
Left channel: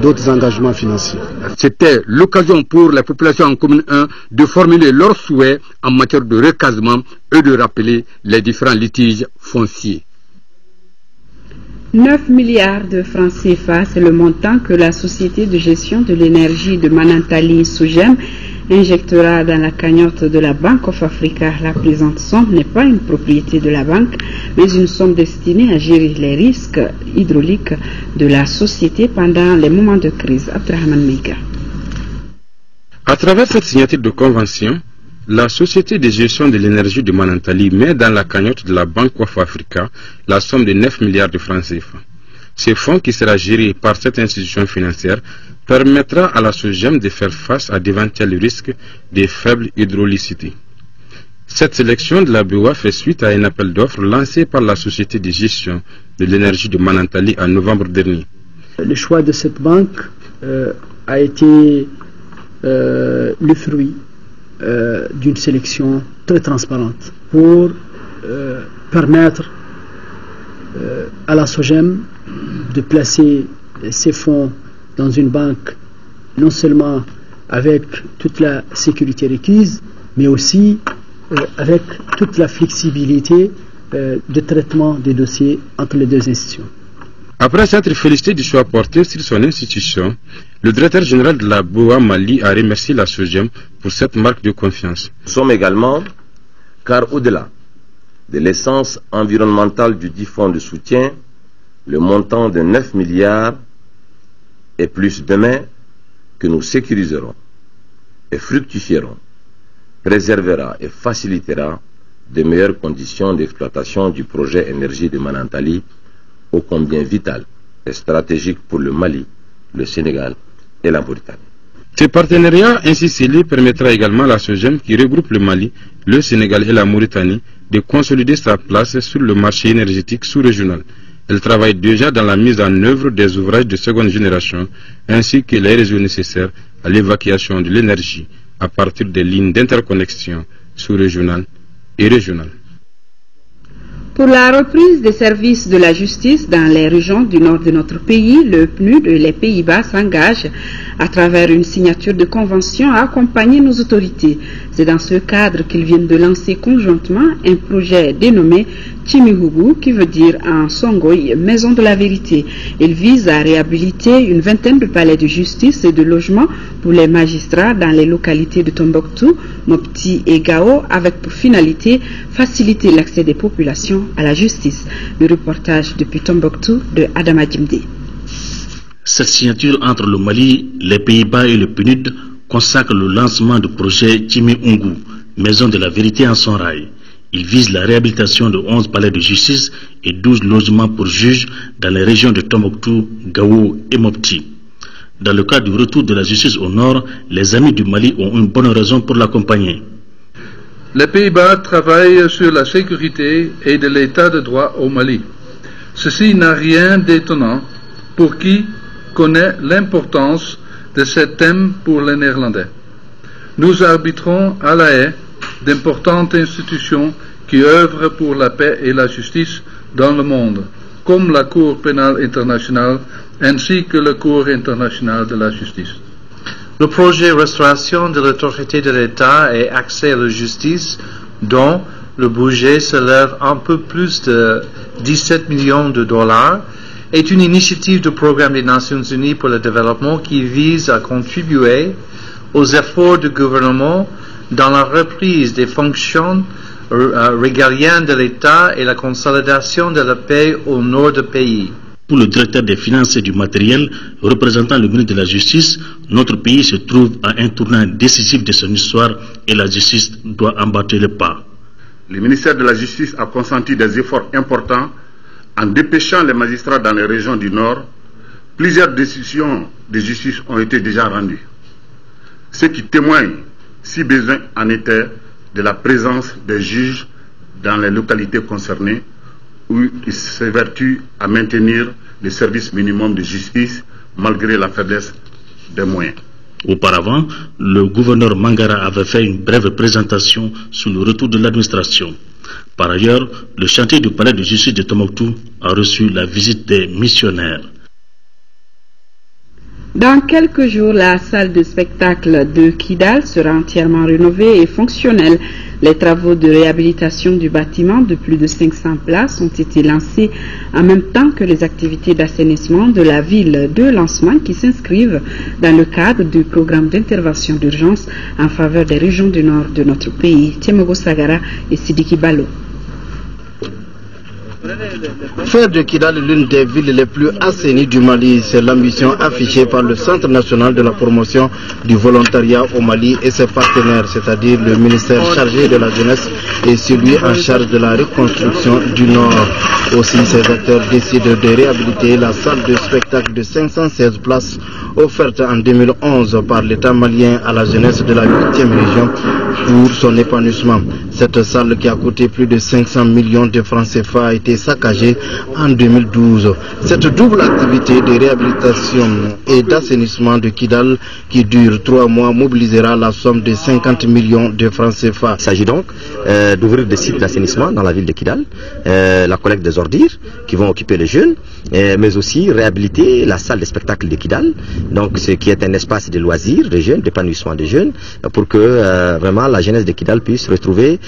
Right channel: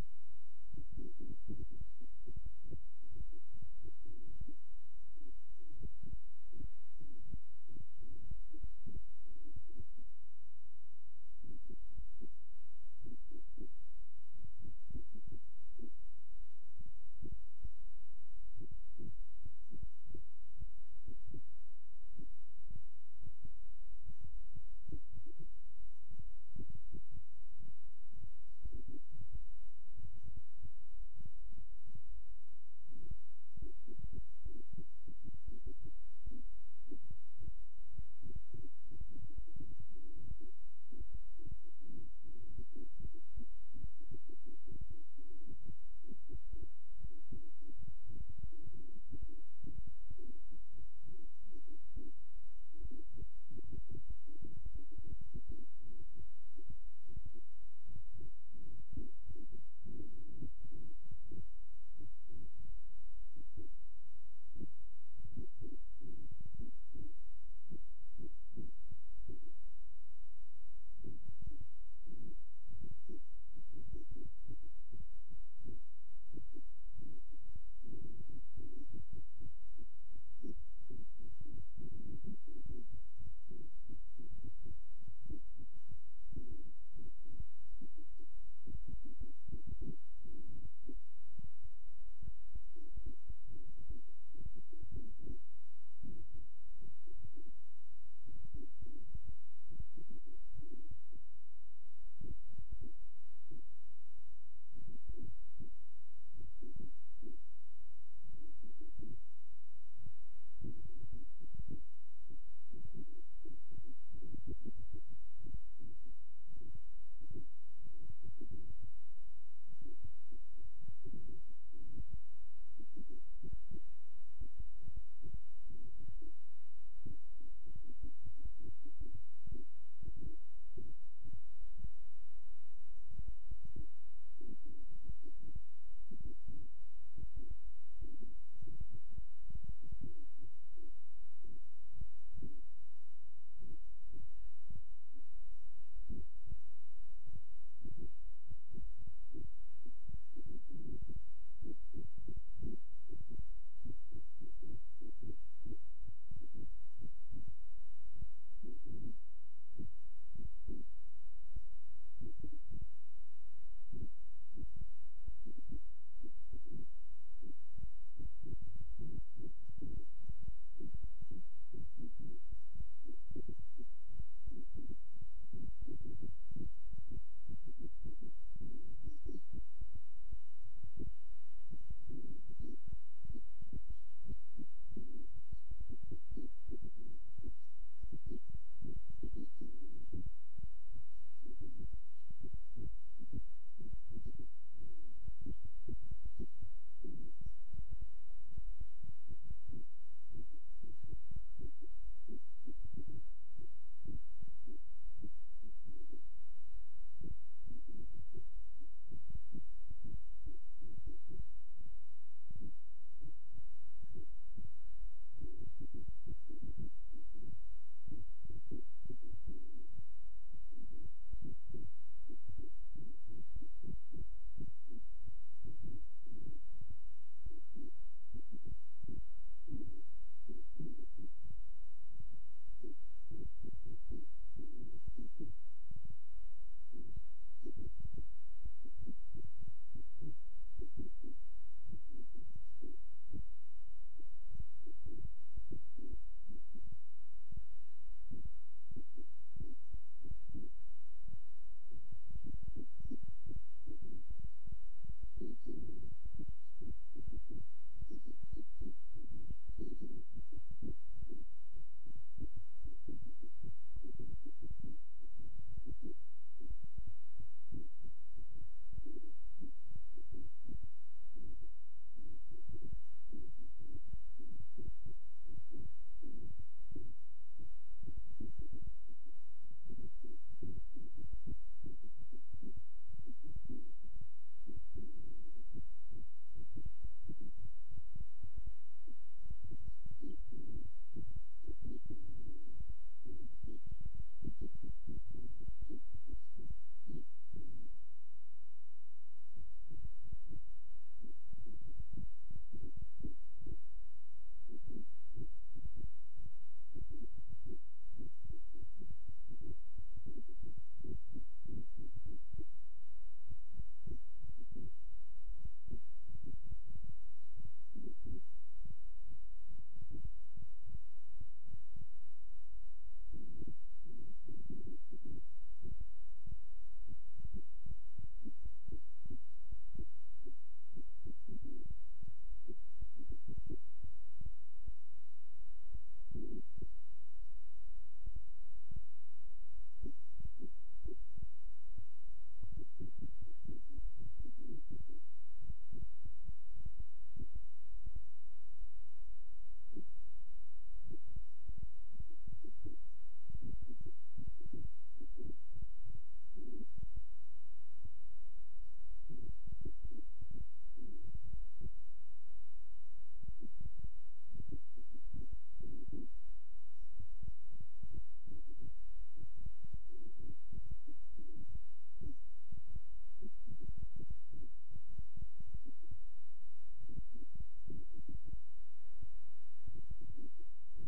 d'autres engagements financiers. C'était l'occasion pour les populations en commune 1 de formuler leurs souhaits en matière de recasement et de rappeler les différents litiges fonciers. 9 milliards de francs CFA, c'est le montant que la société de gestion de l'énergie de Manantali Sogem injectera dans la cagnotte de la Bank of Africa. La présente somme n'est pas une propriété de la banque, mais une somme destinée à gérer les risques hydrauliques de la société pendant les moments de crise. Abdrahman Meiga. À travers cette signature de convention, la société de gestion de l'énergie de Manantali met dans la cagnotte de la Bank of Africa la somme de 9 milliards de francs CFA. Ce fonds, qui sera géré par cette institution financière, permettra à la SOGEM de faire face à d'éventuels risques de faible hydraulicité. Cette sélection de la BOA fait suite à un appel d'offres lancé par la société de gestion de l'énergie de Manantali en novembre dernier. Le choix de cette banque a été le fruit d'une sélection très transparente pour permettre à la SOGEM de placer ses fonds dans une banque non seulement avec toute la sécurité requise, mais aussi avec toute la flexibilité de traitement des dossiers entre les deux institutions. Après s'être félicité du choix porté sur son institution, le directeur général de la BOA Mali a remercié la SOGEM pour cette marque de confiance. Nous sommes également, car au-delà de l'essence environnementale du dit fonds de soutien, le montant de 9 milliards et plus demain que nous sécuriserons et fructifierons, préservera et facilitera de meilleures conditions d'exploitation du projet énergie de Manantali, ô combien vital et stratégique pour le Mali, le Sénégal et la Mauritanie. Ce partenariat ainsi scellé permettra également à la SOGEM, qui regroupe le Mali, le Sénégal et la Mauritanie, de consolider sa place sur le marché énergétique sous-régional. Elle travaille déjà dans la mise en œuvre des ouvrages de seconde génération, ainsi que les réseaux nécessaires à l'évacuation de l'énergie à partir des lignes d'interconnexion sous-régionales et régionales. Pour la reprise des services de la justice dans les régions du nord de notre pays, le PNUD et les Pays-Bas s'engagent à travers une signature de convention à accompagner nos autorités. C'est dans ce cadre qu'ils viennent de lancer conjointement un projet dénommé Chimihubu, qui veut dire en Songoï Maison de la Vérité. Il vise à réhabiliter une vingtaine de palais de justice et de logements pour les magistrats dans les localités de Tombouctou, Mopti et Gao, avec pour finalité faciliter l'accès des populations à la justice. Le reportage depuis Tombouctou de Adama Djimdi. Cette signature entre le Mali, les Pays-Bas et le PNUD consacre le lancement du projet Chimihubu, Maison de la Vérité en son rail. Il vise la réhabilitation de 11 palais de justice et 12 logements pour juges dans les régions de Tombouctou, Gao et Mopti. Dans le cadre du retour de la justice au nord, les amis du Mali ont une bonne raison pour l'accompagner. Les Pays-Bas travaillent sur la sécurité et de l'état de droit au Mali. Ceci n'a rien d'étonnant pour qui connaît l'importance de ce thème pour les Néerlandais. Nous arbitrons à La Haye d'importantes institutions qui œuvrent pour la paix et la justice dans le monde, comme la Cour pénale internationale ainsi que la Cour internationale de la justice. Le projet Restauration de l'autorité de l'État et accès à la justice, dont le budget s'élève un peu plus de 17 millions de dollars, est une initiative du Programme des Nations Unies pour le développement qui vise à contribuer aux efforts du gouvernement dans la reprise des fonctions régaliennes de l'État et la consolidation de la paix au nord du pays. Pour le directeur des finances et du matériel, représentant le ministre de la Justice, notre pays se trouve à un tournant décisif de son histoire et la justice doit embattre le pas. Le ministère de la Justice a consenti des efforts importants en dépêchant les magistrats dans les régions du Nord. Plusieurs décisions de justice ont été déjà rendues, ce qui témoigne, si besoin en était, de la présence des juges dans les localités concernées, où ils s'évertuent à maintenir le service minimum de justice malgré la faiblesse des moyens. Auparavant, le gouverneur Mangara avait fait une brève présentation sur le retour de l'administration. Par ailleurs, le chantier du palais de justice de Tombouctou a reçu la visite des missionnaires. Dans quelques jours, la salle de spectacle de Kidal sera entièrement rénovée et fonctionnelle. Les travaux de réhabilitation du bâtiment de plus de 500 places ont été lancés en même temps que les activités d'assainissement de la ville de lancement qui s'inscrivent dans le cadre du programme d'intervention d'urgence en faveur des régions du nord de notre pays. Tiemogo Sagara et Sidiki Balo. Faire de Kidal l'une des villes les plus assainies du Mali, c'est l'ambition affichée par le Centre national de la promotion du volontariat au Mali et ses partenaires, c'est-à-dire le ministère chargé de la jeunesse et celui en charge de la reconstruction du Nord. Aussi, ces acteurs décident de réhabiliter la salle de spectacle de 516 places offerte en 2011 par l'État malien à la jeunesse de la 8e région pour son épanouissement. Cette salle qui a coûté plus de 500 millions de francs CFA a été saccagée en 2012. Cette double activité de réhabilitation et d'assainissement de Kidal qui dure 3 mois mobilisera la somme de 50 millions de francs CFA. Il s'agit donc d'ouvrir des sites d'assainissement dans la ville de Kidal, la collecte des ordures qui vont occuper les jeunes, mais aussi réhabiliter la salle de spectacle de Kidal, donc ce qui est un espace de loisirs des jeunes, d'épanouissement des jeunes, pour que vraiment la jeunesse de Kidal puisse retrouver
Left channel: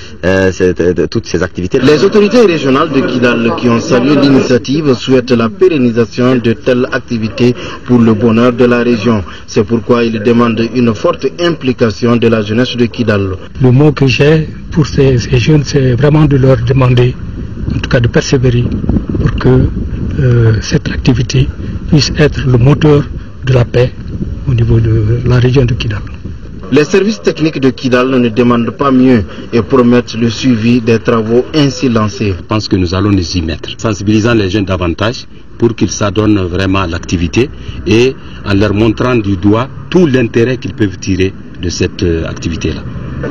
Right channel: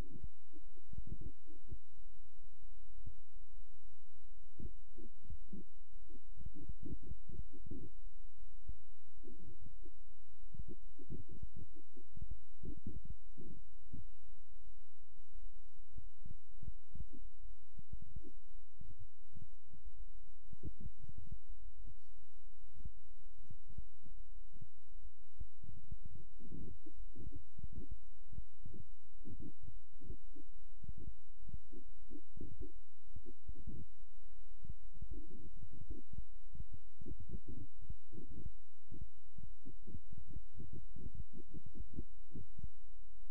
toutes ces activités. Les autorités régionales de Kidal Kidal, qui ont salué l'initiative, souhaitent la pérennisation de telles activités pour le bonheur de la région. C'est pourquoi ils demandent une forte implication de la jeunesse de Kidal. Le mot que j'ai pour ces jeunes, c'est vraiment de leur demander, en tout cas de persévérer, pour que cette activité puisse être le moteur de la paix au niveau de la région de Kidal. Les services techniques de Kidal ne demandent pas mieux et promettent le suivi des travaux ainsi lancés. Je pense que nous allons nous y mettre, sensibilisant les jeunes davantage pour qu'ils s'adonnent vraiment à l'activité et en leur montrant du doigt tout l'intérêt qu'ils peuvent tirer de cette activité-là.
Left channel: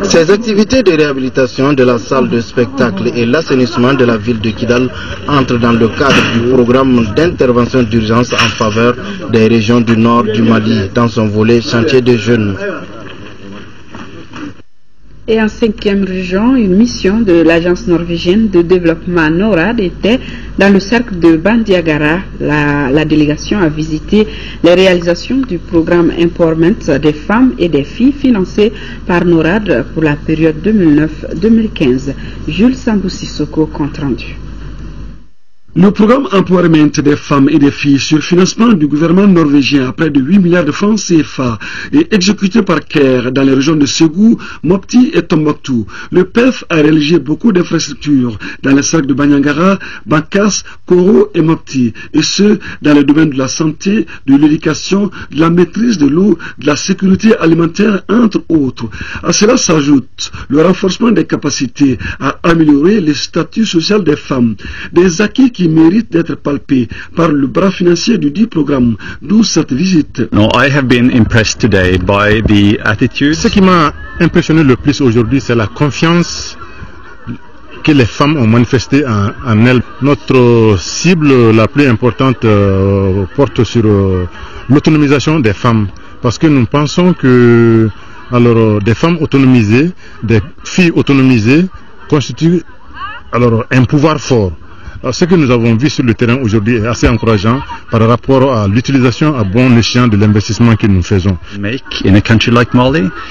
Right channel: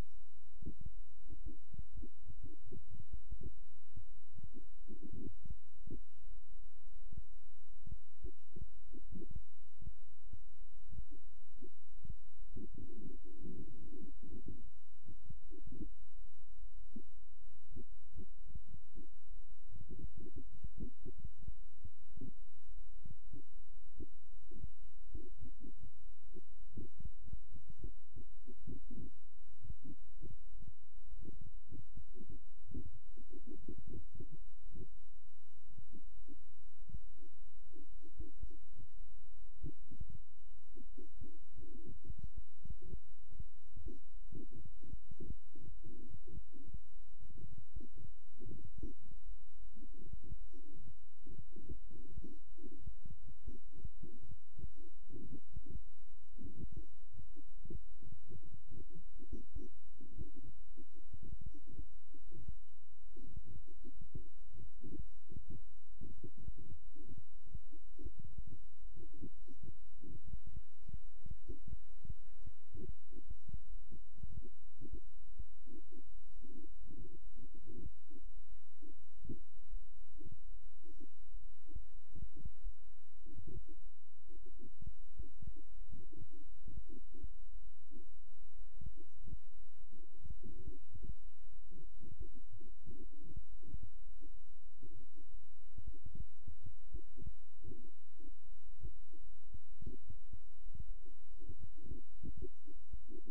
Ces activités de réhabilitation de la salle de spectacle et l'assainissement de la ville de Kidal entrent dans le cadre du programme d'intervention d'urgence en faveur des régions du nord du Mali dans son volet chantier des jeunes. Et en 5e région, une mission de l'agence norvégienne de développement NORAD était dans le cercle de Bandiagara. La délégation a visité les réalisations du programme Empowerment des femmes et des filles financé par NORAD pour la période 2009-2015. Jules Sambou-Sissoko, compte rendu. Le programme Empowerment des femmes et des filles sur financement du gouvernement norvégien à près de 8 milliards de francs CFA est exécuté par CARE dans les régions de Ségou, Mopti et Tombouctou. Le PEF a réalisé beaucoup d'infrastructures dans les cercles de Bandiagara, Bankas, Koro et Mopti, et ce, dans les domaines de la santé, de l'éducation, de la maîtrise de l'eau, de la sécurité alimentaire, entre autres. À cela s'ajoute le renforcement des capacités à améliorer le statut social des femmes, des acquis qui mérite d'être palpé par le bras financier du dit programme, d'où cette visite. Ce qui m'a impressionné le plus aujourd'hui, c'est la confiance que les femmes ont manifestée en elles. Notre cible la plus importante porte sur l'autonomisation des femmes, parce que nous pensons que des femmes autonomisées, des filles autonomisées constituent un pouvoir fort. Ce que nous avons vu sur le terrain aujourd'hui est assez encourageant par rapport à l'utilisation à bon escient de l'investissement que nous faisons.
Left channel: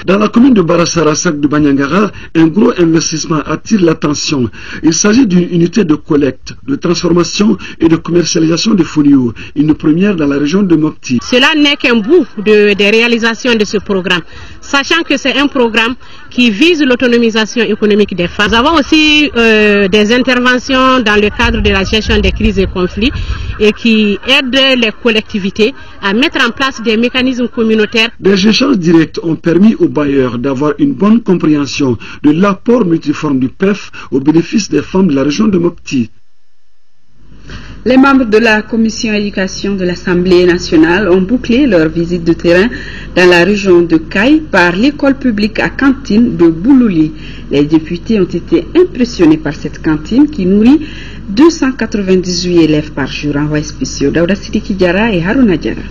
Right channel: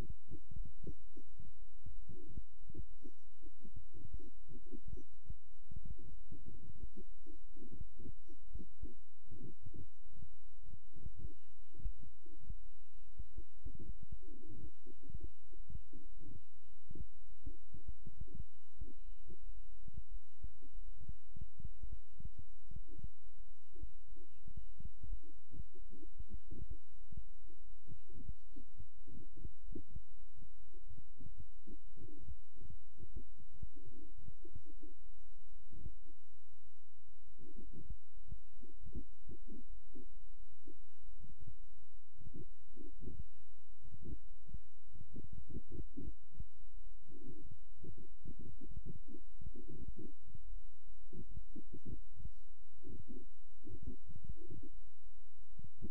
Dans la commune de Barassarasak de Bandiagara, un gros investissement attire l'attention. Il s'agit d'une unité de collecte, de transformation et de commercialisation de folio, une première dans la région de Mopti. Cela n'est qu'un bout des réalisations de ce programme, sachant que c'est un programme qui vise l'autonomisation économique des femmes. Nous avons aussi des interventions dans le cadre de la gestion des crises et conflits et qui aident les collectivités à mettre en place des mécanismes communautaires. Des échanges directs ont permis aux bailleurs d'avoir une bonne compréhension de l'apport multiforme du PEF au bénéfice des femmes de la région de Mopti. Les membres de la commission éducation de l'Assemblée nationale ont bouclé leur visite de terrain dans la région de Caille par l'école publique à cantine de Boulouli. Les députés ont été impressionnés par cette cantine qui nourrit 298 élèves par jour. Envoyés spéciaux Daouda Sidiki Diarra et Haruna Diarra.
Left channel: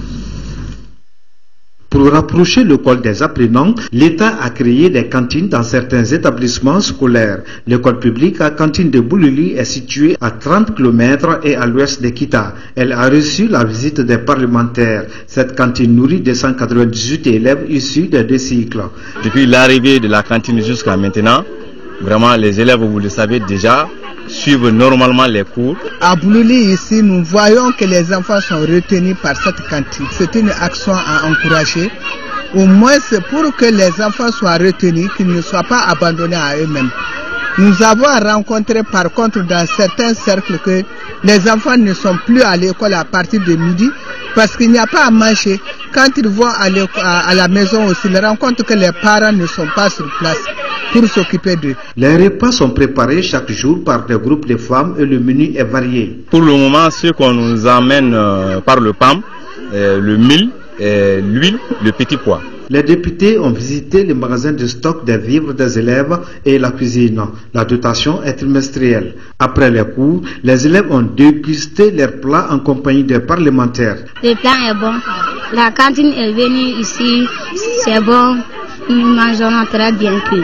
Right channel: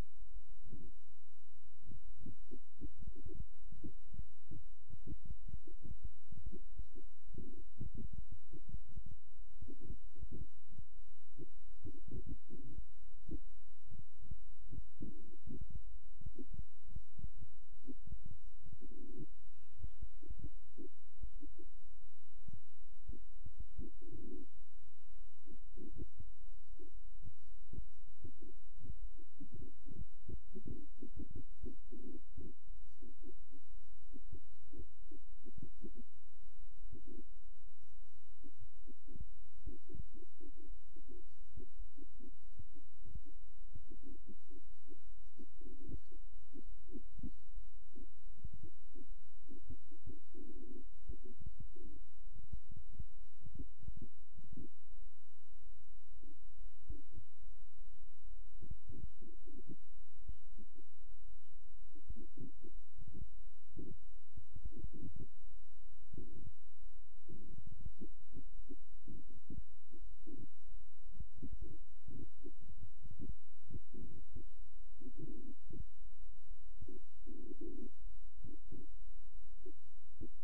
Pour rapprocher l'école des apprenants, l'État a créé des cantines dans certains établissements scolaires. L'école publique à cantine de Boulouli est située à 30 km et à l'ouest de Kita. Elle a reçu la visite des parlementaires. Cette cantine nourrit 298 élèves issus des deux cycles. Depuis l'arrivée de la cantine jusqu'à maintenant, vraiment les élèves, vous le savez déjà, suivent normalement les cours. À Boulouli, ici, nous voyons que les enfants sont retenus par cette cantine. C'est une action à encourager. Au moins, c'est pour que les enfants soient retenus, qu'ils ne soient pas abandonnés à eux-mêmes. Nous avons rencontré par contre dans certains cercles que les enfants ne sont plus à l'école à partir de midi parce qu'il n'y a pas à manger. Quand ils vont à la maison aussi, ils rencontrent que les parents ne sont pas sur place pour s'occuper d'eux. Les repas sont préparés chaque jour par des groupes de femmes et le menu est varié. Pour le moment, ce qu'on nous amène par le PAM, le mil, l'huile, le petit pois. Les députés ont visité les magasins de stock des vivres des élèves et la cuisine. La dotation est trimestrielle. Après les cours, les élèves ont dégusté leurs plats en compagnie des parlementaires. Le plat est bon. La cantine est venue ici. C'est bon. Nous mangeons très bien cuit.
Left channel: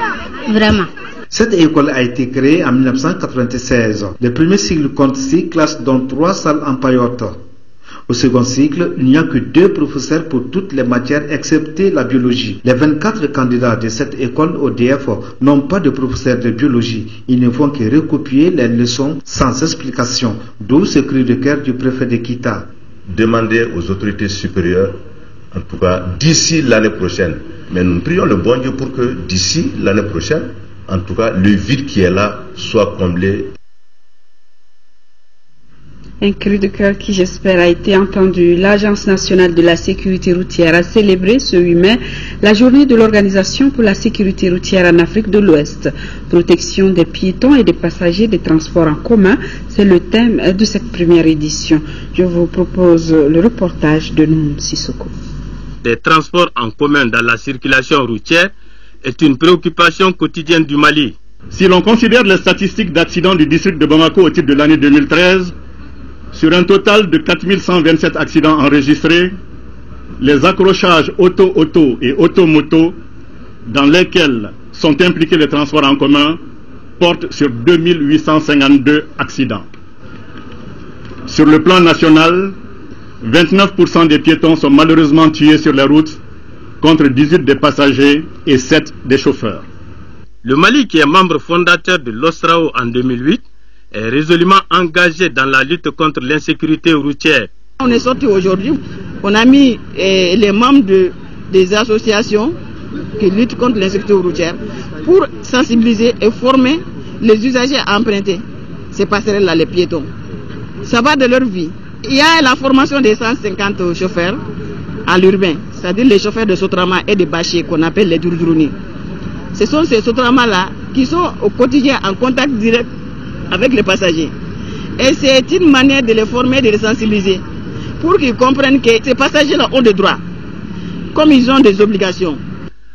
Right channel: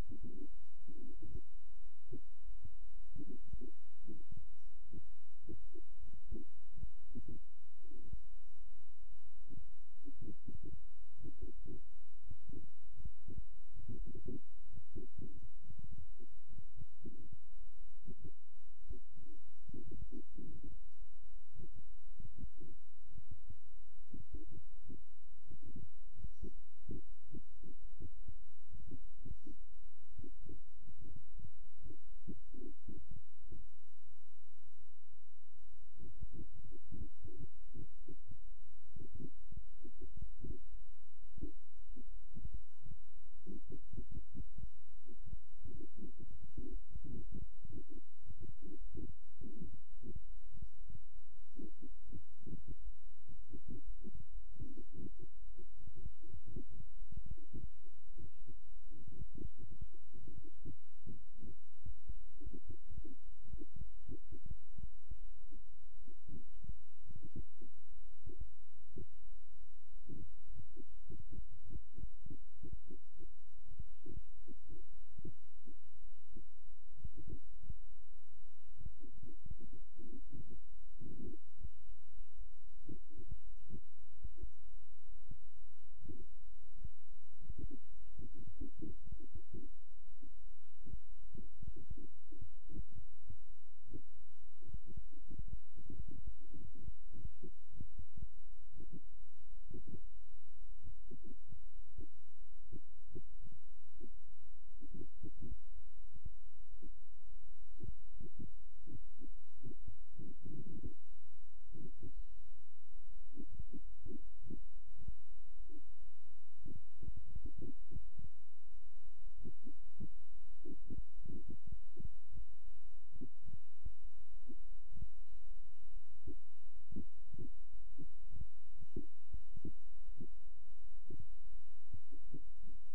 Vraiment. Cette école a été créée en 1996. Le premier cycle compte 6 classes dont 3 salles en paillotte. Au second cycle, il n'y a que 2 professeurs pour toutes les matières excepté la biologie. Les 24 candidats de cette école ODF n'ont pas de professeur de biologie. Ils ne font que recopier les leçons sans explication. D'où ce cri de cœur du préfet de Kita. Demander aux autorités supérieures, en tout cas d'ici l'année prochaine, mais nous prions le bon Dieu pour que d'ici l'année prochaine, en tout cas le vide qui est là soit comblé. Un cri de cœur qui, j'espère, a été entendu. L'Agence nationale de la sécurité routière a célébré ce 8 mai la journée de l'Organisation pour la sécurité routière en Afrique de l'Ouest. Protection des piétons et des passagers des transports en commun, c'est le thème de cette première édition. Je vous propose le reportage de Noum Sissoko. Des transports en commun dans la circulation routière est une préoccupation quotidienne du Mali. Si l'on considère les statistiques d'accidents du district de Bamako au titre de l'année 2013, sur un total de 4127 accidents enregistrés, les accrochages auto-auto et auto-moto dans lesquels sont impliqués les transports en commun portent sur 2852 accidents. Sur le plan national, 29% des piétons sont malheureusement tués sur les routes, contre 18 des passagers et 7 des chauffeurs. Le Mali, qui est membre fondateur de l'OSRAO en 2008, est résolument engagé dans la lutte contre l'insécurité routière. On est sorti aujourd'hui, on a mis les membres des associations qui luttent contre l'insécurité routière pour sensibiliser et former les usagers à emprunter ces passerelles-là, les piétons. Ça va de leur vie. Il y a la formation des 150 chauffeurs à l'urbain, c'est-à-dire les chauffeurs de Sotrama et de Bâché qu'on appelle les Durdrouni. Ce sont ces Sotrama-là qui sont au quotidien en contact direct avec les passagers. Et c'est une manière de les former, de les sensibiliser, pour qu'ils comprennent que ces passagers-là ont des droits, comme ils ont des obligations.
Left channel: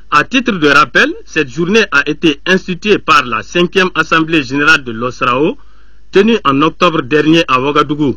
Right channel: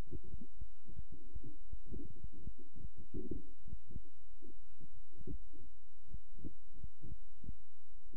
À titre de rappel, cette journée a été instituée par la 5e Assemblée générale de l'OSRAO, tenue en octobre dernier à Ouagadougou.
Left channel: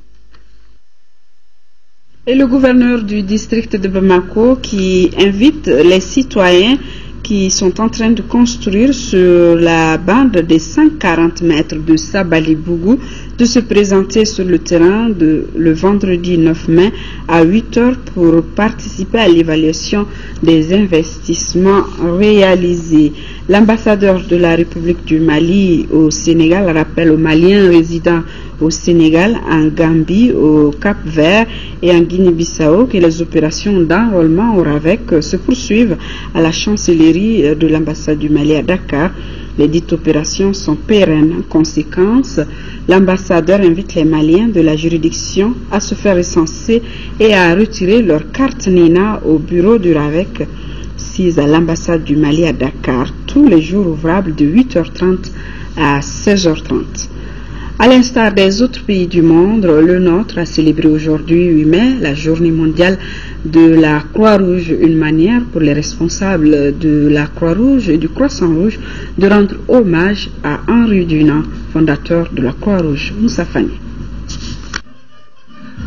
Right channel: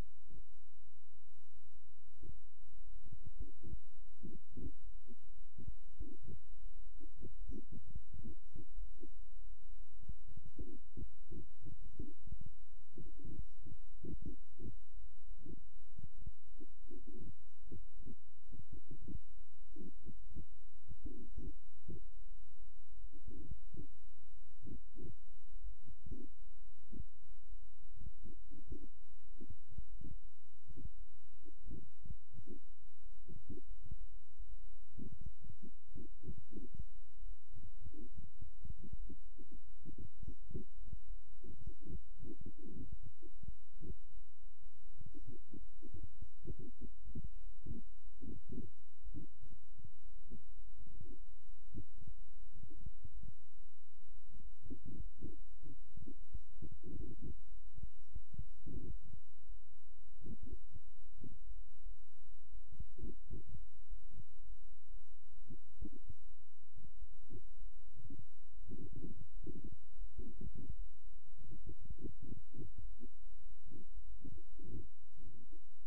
Et le gouverneur du district de Bamako qui invite les citoyens qui sont en train de construire sur la bande des 140 mètres de Sabali-Bougou de se présenter sur le terrain le vendredi 9 mai à 8 h pour participer à l'évaluation des investissements réalisés. L'ambassadeur de la République du Mali au Sénégal rappelle aux Maliens résidant au Sénégal, en Gambie, au Cap-Vert et en Guinée-Bissau que les opérations d'enrôlement au RAVEC se poursuivent à la chancellerie de l'ambassade du Mali à Dakar. Les dites opérations sont pérennes. En conséquence, l'ambassadeur invite les Maliens de la juridiction à se faire recenser et à retirer leur carte NINA au bureau du RAVEC, sise à l'ambassade du Mali à Dakar, tous les jours ouvrables de 8 h 30 à 16 h 30. À l'instar des autres pays du monde, le nôtre a célébré aujourd'hui 8 mai la journée mondiale de la Croix-Rouge, une manière pour les responsables de la Croix-Rouge et du Croissant-Rouge de rendre hommage à Henri Dunant, fondateur de la Croix-Rouge. Moussa Fani.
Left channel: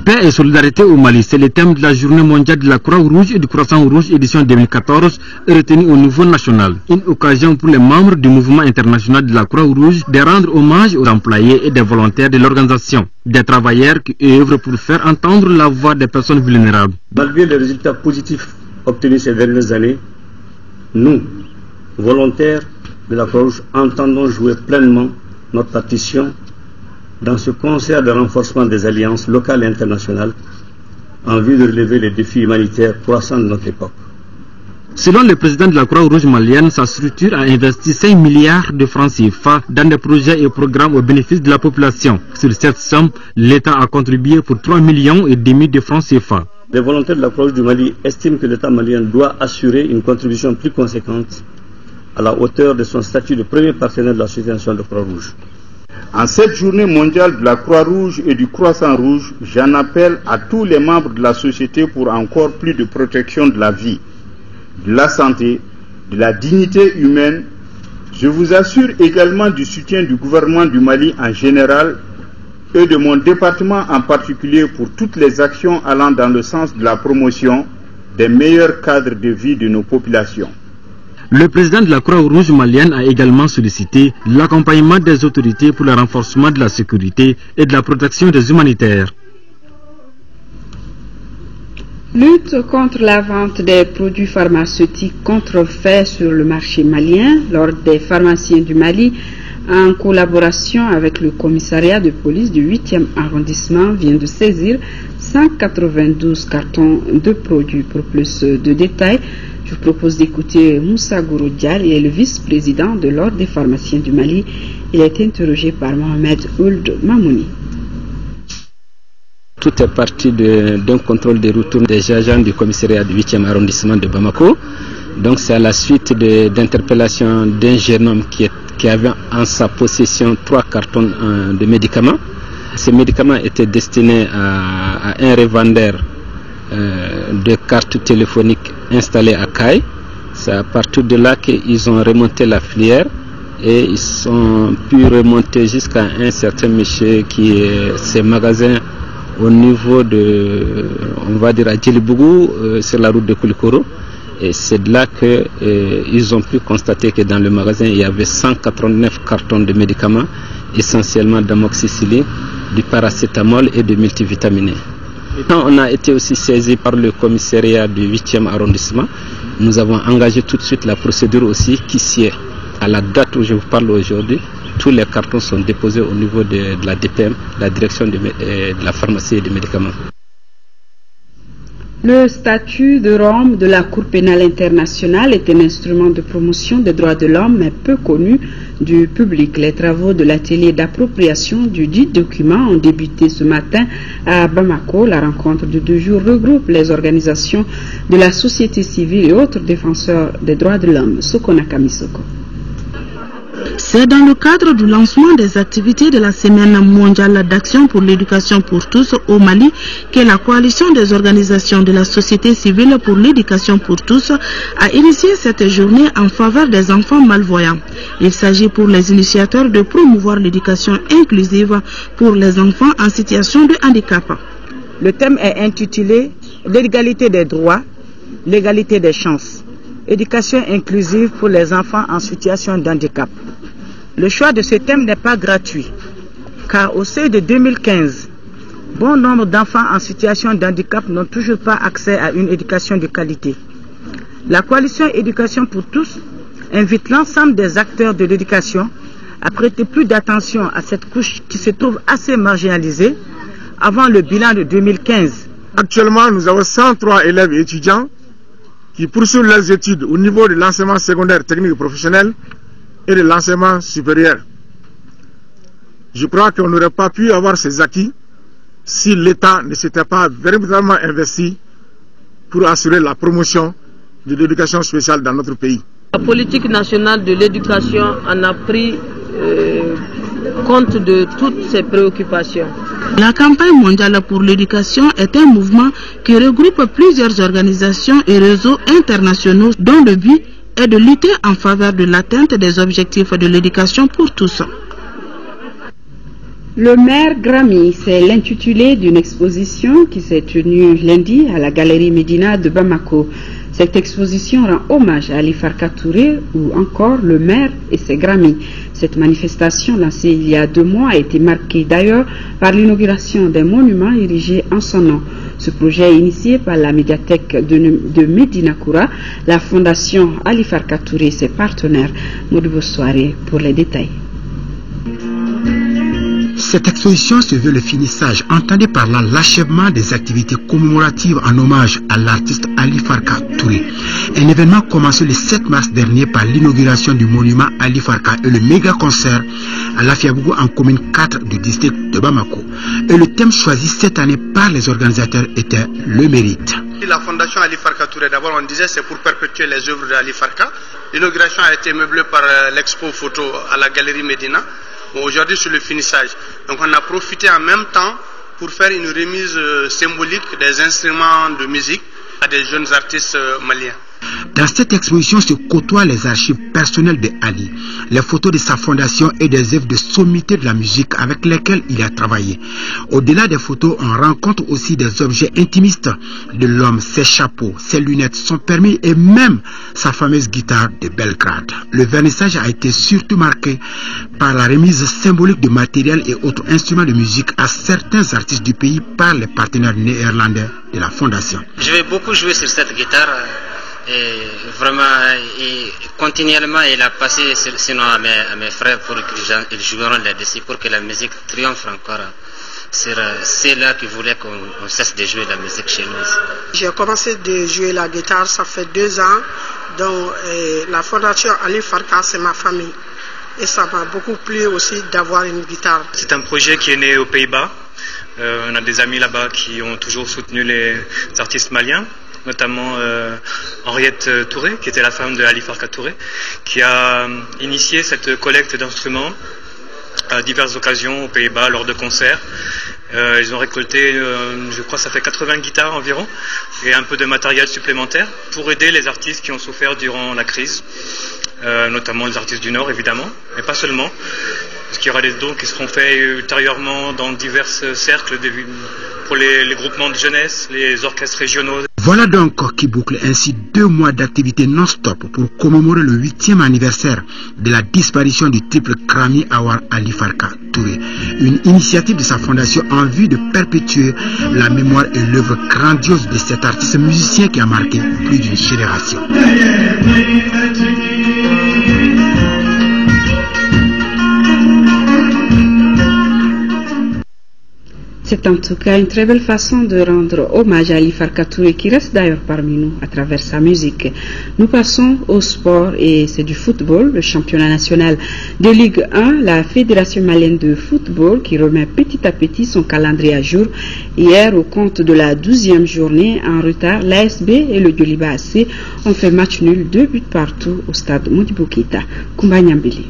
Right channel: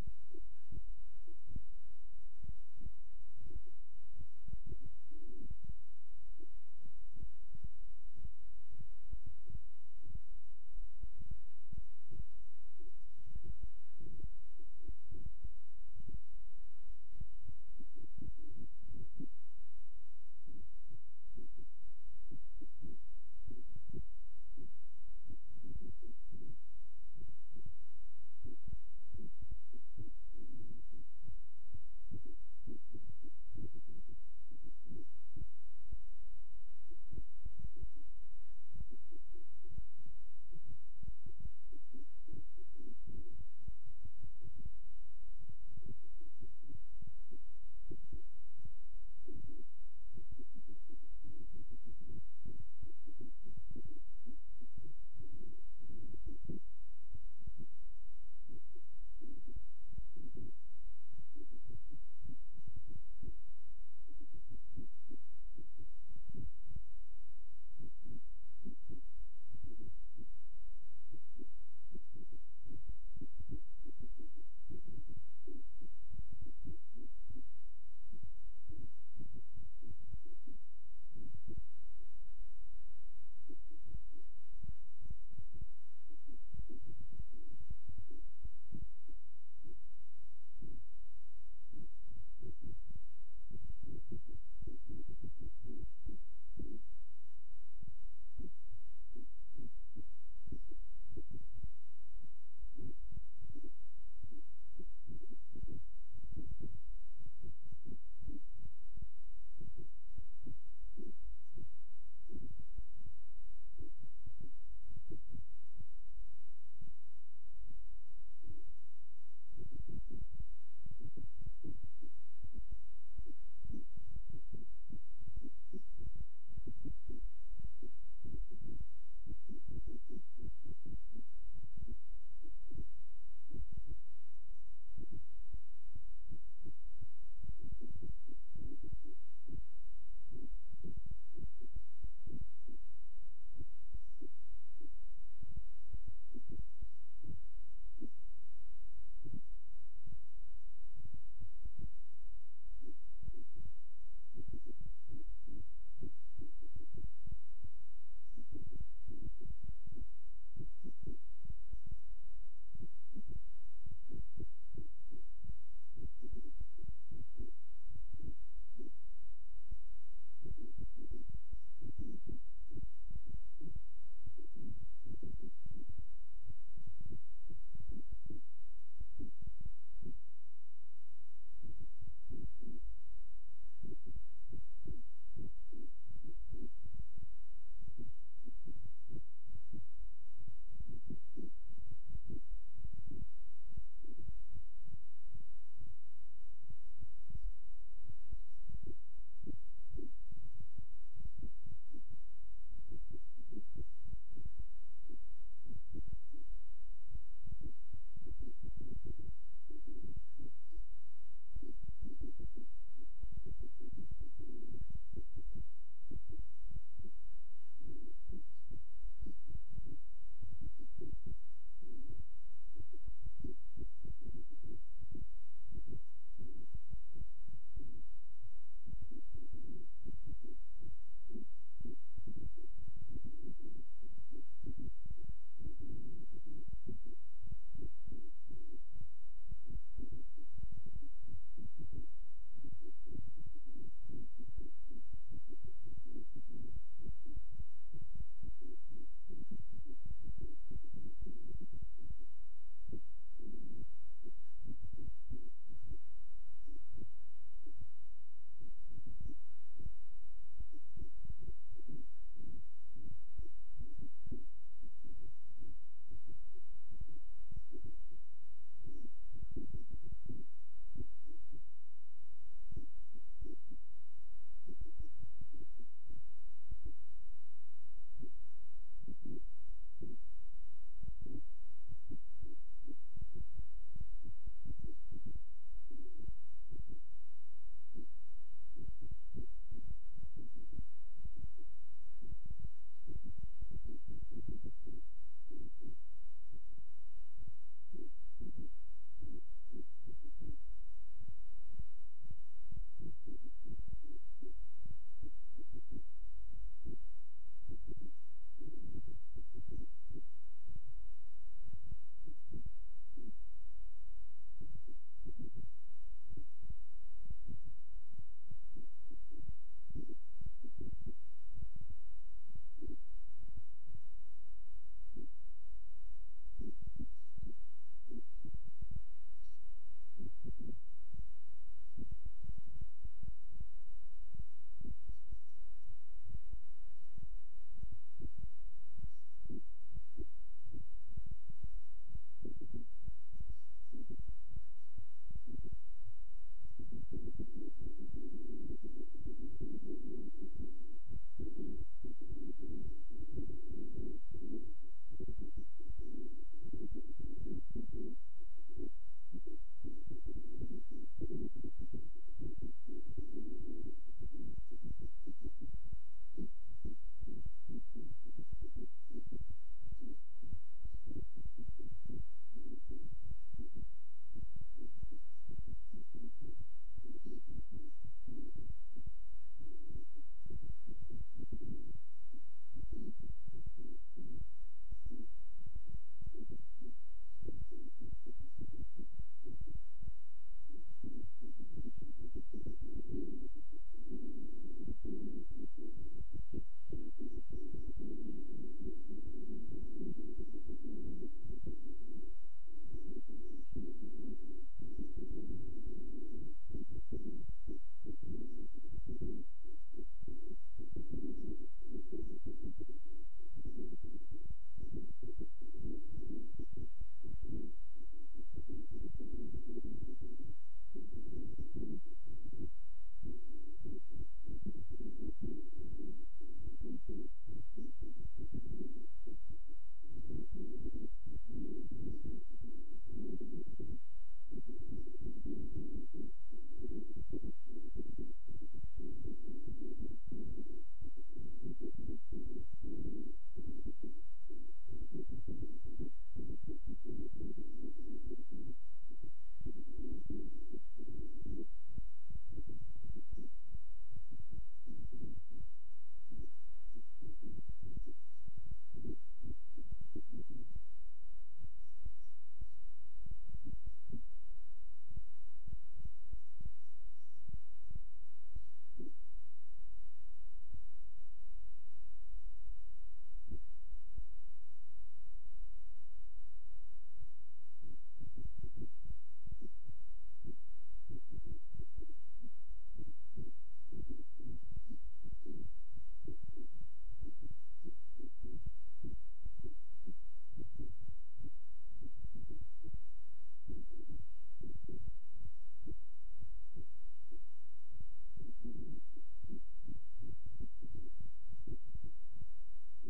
Paix et solidarité au Mali, c'est le thème de la journée mondiale de la Croix-Rouge et du Croissant-Rouge édition 2014 retenu au niveau national. Une occasion pour les membres du mouvement international de la Croix-Rouge de rendre hommage aux employés et des volontaires de l'organisation, des travailleurs qui œuvrent pour faire entendre la voix des personnes vulnérables. Malgré les résultats positifs obtenus ces dernières années, nous, volontaires de la Croix-Rouge, entendons jouer pleinement notre partition dans ce concert de renforcement des alliances locales et internationales en vue de relever les défis humanitaires croissants de notre époque. Selon le président de la Croix-Rouge malienne, sa structure a investi 5 milliards de francs CFA dans des projets et programmes au bénéfice de la population. Sur cette somme, l'État a contribué pour 3,5 millions de francs CFA. Les volontaires de la Croix-Rouge du Mali estiment que l'État malien doit assurer une contribution plus conséquente à la hauteur de son statut de premier partenaire de la Société nationale de Croix-Rouge. En cette journée mondiale de la Croix-Rouge et du Croissant-Rouge, j'en appelle à tous les membres de la société pour encore plus de protection de la vie, de la santé, de la dignité humaine. Je vous assure également du soutien du gouvernement du Mali en général et de mon département en particulier pour toutes les actions allant dans le sens de la promotion des meilleurs cadres de vie de nos populations. Le président de la Croix-Rouge malienne a également sollicité l'accompagnement des autorités pour le renforcement de la sécurité et de la protection des humanitaires. Lutte contre la vente des produits pharmaceutiques contrefaits sur le marché malien. L'Ordre des pharmaciens du Mali, en collaboration avec le commissariat de police du 8e arrondissement, vient de saisir 192 cartons de produits. Pour plus de détails, je vous propose d'écouter Moussa Gouroudial, il est le vice-président de l'Ordre des pharmaciens du Mali. Il a été interrogé par Mohamed Ould Mamouni. Tout est parti d'un contrôle des retours des agents du commissariat du 8e arrondissement de Bamako. Donc c'est à la suite d'interpellations d'un jeune homme qui avait en sa possession 3 cartons de médicaments. Ces médicaments étaient destinés à un revendeur de cartes téléphoniques installé à Caille. C'est à partir de là qu'ils ont remonté la filière et ils ont pu remonter jusqu'à un certain monsieur qui est ses magasins au niveau de, on va dire à Djelibougou, sur la route de Koulikoro. Et c'est de là qu'ils ont pu constater que dans le magasin, il y avait 189 cartons de médicaments, essentiellement d'amoxicilline, du paracétamol et de multivitaminés. On a été aussi saisi par le commissariat du 8e arrondissement. Nous avons engagé tout de suite la procédure aussi qui s'y est. À la date où je vous parle aujourd'hui, tous les cartons sont déposés au niveau de la DPM, la direction de la pharmacie et des médicaments. Le statut de Rome de la Cour pénale internationale est un instrument de promotion des droits de l'homme, mais peu connu du public. Les travaux de l'atelier d'appropriation du dit document ont débuté ce matin à Bamako. La rencontre de 2 jours regroupe les organisations de la société civile et autres défenseurs des droits de l'homme. Sokona Kamisoko. C'est dans le cadre du lancement des activités de la Semaine mondiale d'action pour l'éducation pour tous au Mali que la coalition des organisations de la société civile pour l'éducation pour tous a initié cette journée en faveur des enfants malvoyants. Il s'agit pour les initiateurs de promouvoir l'éducation inclusive pour les enfants en situation de handicap. Le thème est intitulé « L'égalité des droits, l'égalité des chances ». Éducation inclusive pour les enfants en situation de handicap. Le choix de ce thème n'est pas gratuit, car au seuil de 2015, bon nombre d'enfants en situation de handicap n'ont toujours pas accès à une éducation de qualité. La coalition Éducation pour tous invite l'ensemble des acteurs de l'éducation à prêter plus d'attention à cette couche qui se trouve assez marginalisée avant le bilan de 2015. Actuellement, nous avons 103 élèves et étudiants qui poursuivent leurs études au niveau de l'enseignement secondaire technique et professionnel et de l'enseignement supérieur. Je crois qu'on n'aurait pas pu avoir ces acquis si l'État ne s'était pas véritablement investi pour assurer la promotion de l'éducation spéciale dans notre pays. La politique nationale de l'éducation en a pris compte de toutes ces préoccupations. La campagne mondiale pour l'éducation est un mouvement qui regroupe plusieurs organisations et réseaux internationaux dont le but est de lutter en faveur de l'atteinte des objectifs de l'éducation pour tous. Le maire Grammy, c'est l'intitulé d'une exposition qui s'est tenue lundi à la Galerie Médina de Bamako. Cette exposition rend hommage à Ali Farka Touré ou encore le maire et ses Grammy. Cette manifestation lancée il y a 2 mois a été marquée d'ailleurs par l'inauguration d'un monument érigé en son nom. Ce projet est initié par la médiathèque de Médina Koura, la fondation Ali Farka Touré et ses partenaires. Modibo Soirée pour les détails. Cette exposition se veut le finissage, entendez par là l'achèvement des activités commémoratives en hommage à l'artiste Ali Farka Touré. Un événement commencé le 7 mars dernier par l'inauguration du monument Ali Farka et le méga concert à Lafiabougou en commune 4 du district de Bamako. Et le thème choisi cette année par les organisateurs était le mérite. La fondation Ali Farka Touré, d'abord on disait c'est pour perpétuer les œuvres d'Ali Farka. L'inauguration a été meublée par l'expo photo à la Galerie Médina. Bon, aujourd'hui sur le finissage. Donc on a profité en même temps pour faire une remise symbolique des instruments de musique à des jeunes artistes maliens. Dans cette exposition se côtoient les archives personnelles de Ali, les photos de sa fondation et des œuvres de sommité de la musique avec lesquelles il a travaillé. Au-delà des photos, on rencontre aussi des objets intimistes de l'homme, ses chapeaux, ses lunettes, son permis et même sa fameuse guitare de Belgrade. Le vernissage a été surtout marqué par la remise symbolique de matériel et autres instruments de musique à certains artistes du pays par les partenaires néerlandais de la fondation. Je vais beaucoup jouer sur cette guitare. Et vraiment, continuellement, il a passé sinon à mes frères pour qu'ils joueront là-dessus pour que la musique triomphe encore. C'est là qu'ils voulaient qu'on cesse de jouer la musique chez nous. J'ai commencé de jouer la guitare, ça fait 2 ans. Donc, la fondation Ali Farka, c'est ma famille. Et ça m'a beaucoup plu aussi d'avoir une guitare. C'est un projet qui est né aux Pays-Bas. On a des amis là-bas qui ont toujours soutenu les artistes maliens, notamment Henriette Touré, qui était la femme de Ali Farka Touré, qui a initié cette collecte d'instruments à diverses occasions aux Pays-Bas lors de concerts. Ils ont récolté, je crois que ça fait 80 guitares environ, et un peu de matériel supplémentaire pour aider les artistes qui ont souffert durant la crise, notamment les artistes du Nord évidemment, mais pas seulement. Parce qu'il y aura des dons qui seront faits ultérieurement dans divers cercles pour les groupements de jeunesse, les orchestres régionaux. Voilà donc qui boucle ainsi 2 mois d'activité non-stop pour commémorer le 8e anniversaire de la disparition du triple Krami Awar Ali Farka Touré. Une initiative de sa fondation en vue de perpétuer la mémoire et l'œuvre grandiose de cet artiste musicien qui a marqué plus d'une génération. C'est en tout cas une très belle façon de rendre hommage à Ali Farka Touré qui reste d'ailleurs parmi nous à travers sa musique. Nous passons au sport et c'est du football, le championnat national de Ligue 1, la Fédération malienne de football qui remet petit à petit son calendrier à jour. Hier, au compte de la 12e journée en retard, l'ASB et le Djoliba AC ont fait match nul, 2 buts partout au stade Modibo Keïta. Koumba Nyambili.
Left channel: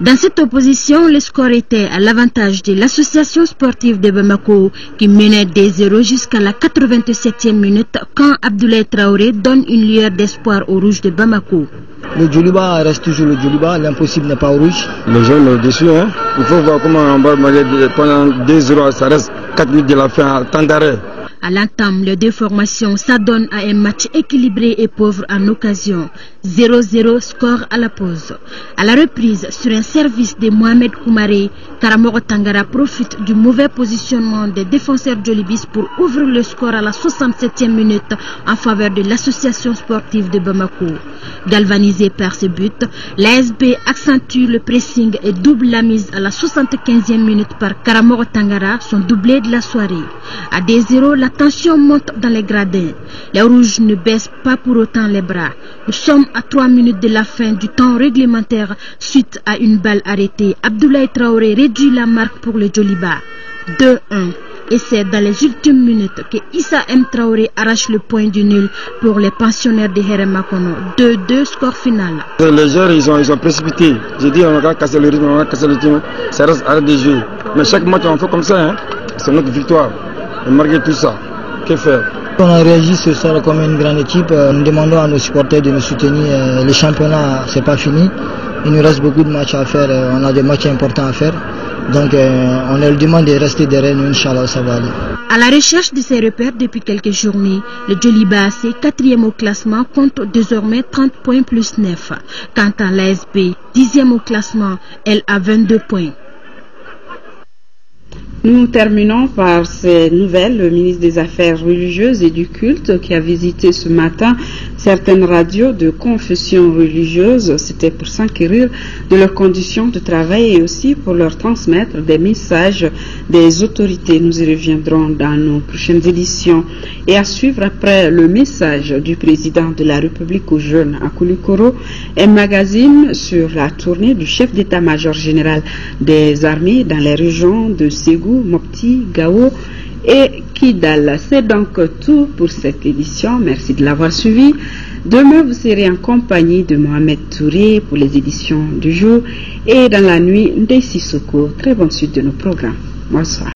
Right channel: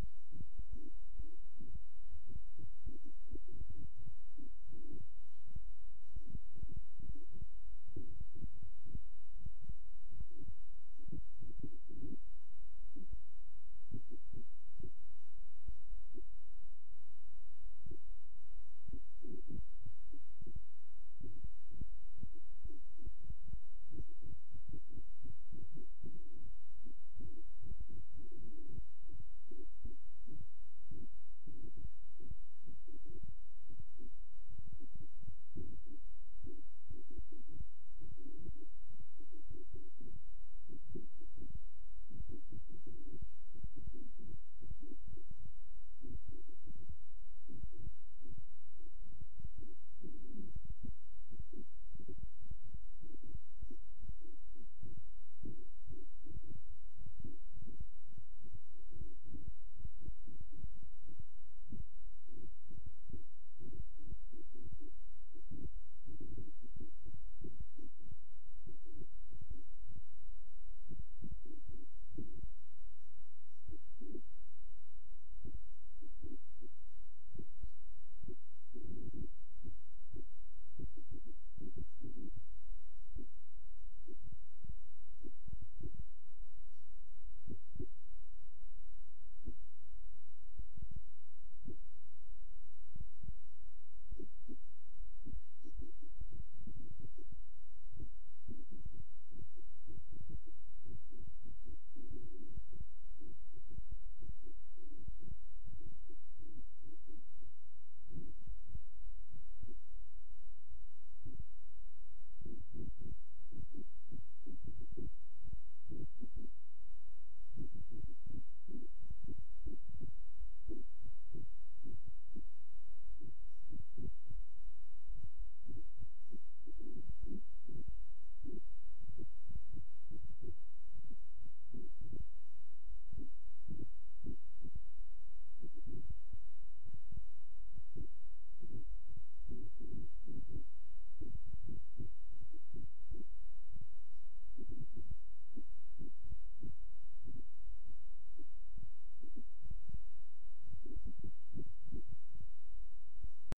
Dans cette opposition, le score était à l'avantage de l'association sportive de Bamako qui menait des 0 jusqu'à la 87e minute quand Abdoulaye Traoré donne une lueur d'espoir aux rouges de Bamako. Le Djoliba reste toujours le Djoliba, l'impossible n'est pas au rouge. Les gens sont déçus, hein. Il faut voir comment on va marquer pendant 2-0, ça reste 4 minutes de la fin à temps d'arrêt. À l'entame, les 2 formations s'adonnent à un match équilibré et pauvre en occasion. 0-0 score à la pause. À la reprise, sur un service de Mohamed Koumaré, Karamoro Tangara profite du mauvais positionnement des défenseurs djolibistes pour ouvrir le score à la 67e minute en faveur de l'association sportive de Bamako. Galvanisé par ce but, l'ASB accentue le pressing et double la mise à la 75e minute par Karamoro Tangara, son doublé de la soirée. À 2-0, la tension monte dans les gradins. Les rouges ne baissent pas pour autant les bras. Nous sommes à 3 minutes de la fin du temps réglementaire suite à une balle arrêtée. Abdoulaye Traoré réduit la marque pour le Djoliba. 2-1. Et c'est dans les ultimes minutes que Issa M. Traoré arrache le point du nul pour les pensionnaires de Heremakono. 2-2 score final. Les joueurs ils ont précipité. J'ai dit on va casser le rythme, on va casser le rythme. Ça reste arrêt de jeu. Mais chaque match on fait comme ça. Hein. C'est notre victoire. Et malgré tout ça, que faire? On a réagi ce soir comme une grande équipe. Nous demandons à nos supporters de nous soutenir. Le championnat, c'est pas fini. Il nous reste beaucoup de matchs à faire. On a des matchs importants à faire. Donc on leur demande de rester derrière nous. Inch'Allah, ça va aller. À la recherche de ses repères depuis quelques journées, le Djoliba AC, 4e au classement, compte désormais 30 points plus 9. Quant à l'ASB, 10e au classement, elle a 22 points. Nous terminons par ces nouvelles. Le ministre des Affaires religieuses et du culte qui a visité ce matin certaines radios de confession religieuse, c'était pour s'enquérir de leurs conditions de travail et aussi pour leur transmettre des messages des autorités. Nous y reviendrons dans nos prochaines éditions. Et à suivre après le message du président de la République aux jeunes à Koulikoro, un magazine sur la tournée du chef d'état-major général des armées dans les régions de Ségou, Mopti, Gao et Kidal. C'est donc tout pour cette édition. Merci de l'avoir suivi. Demain, vous serez en compagnie de Mohamed Touré pour les éditions du jour et dans la nuit, Ndei Sissoko. Très bonne suite de nos programmes. Bonsoir.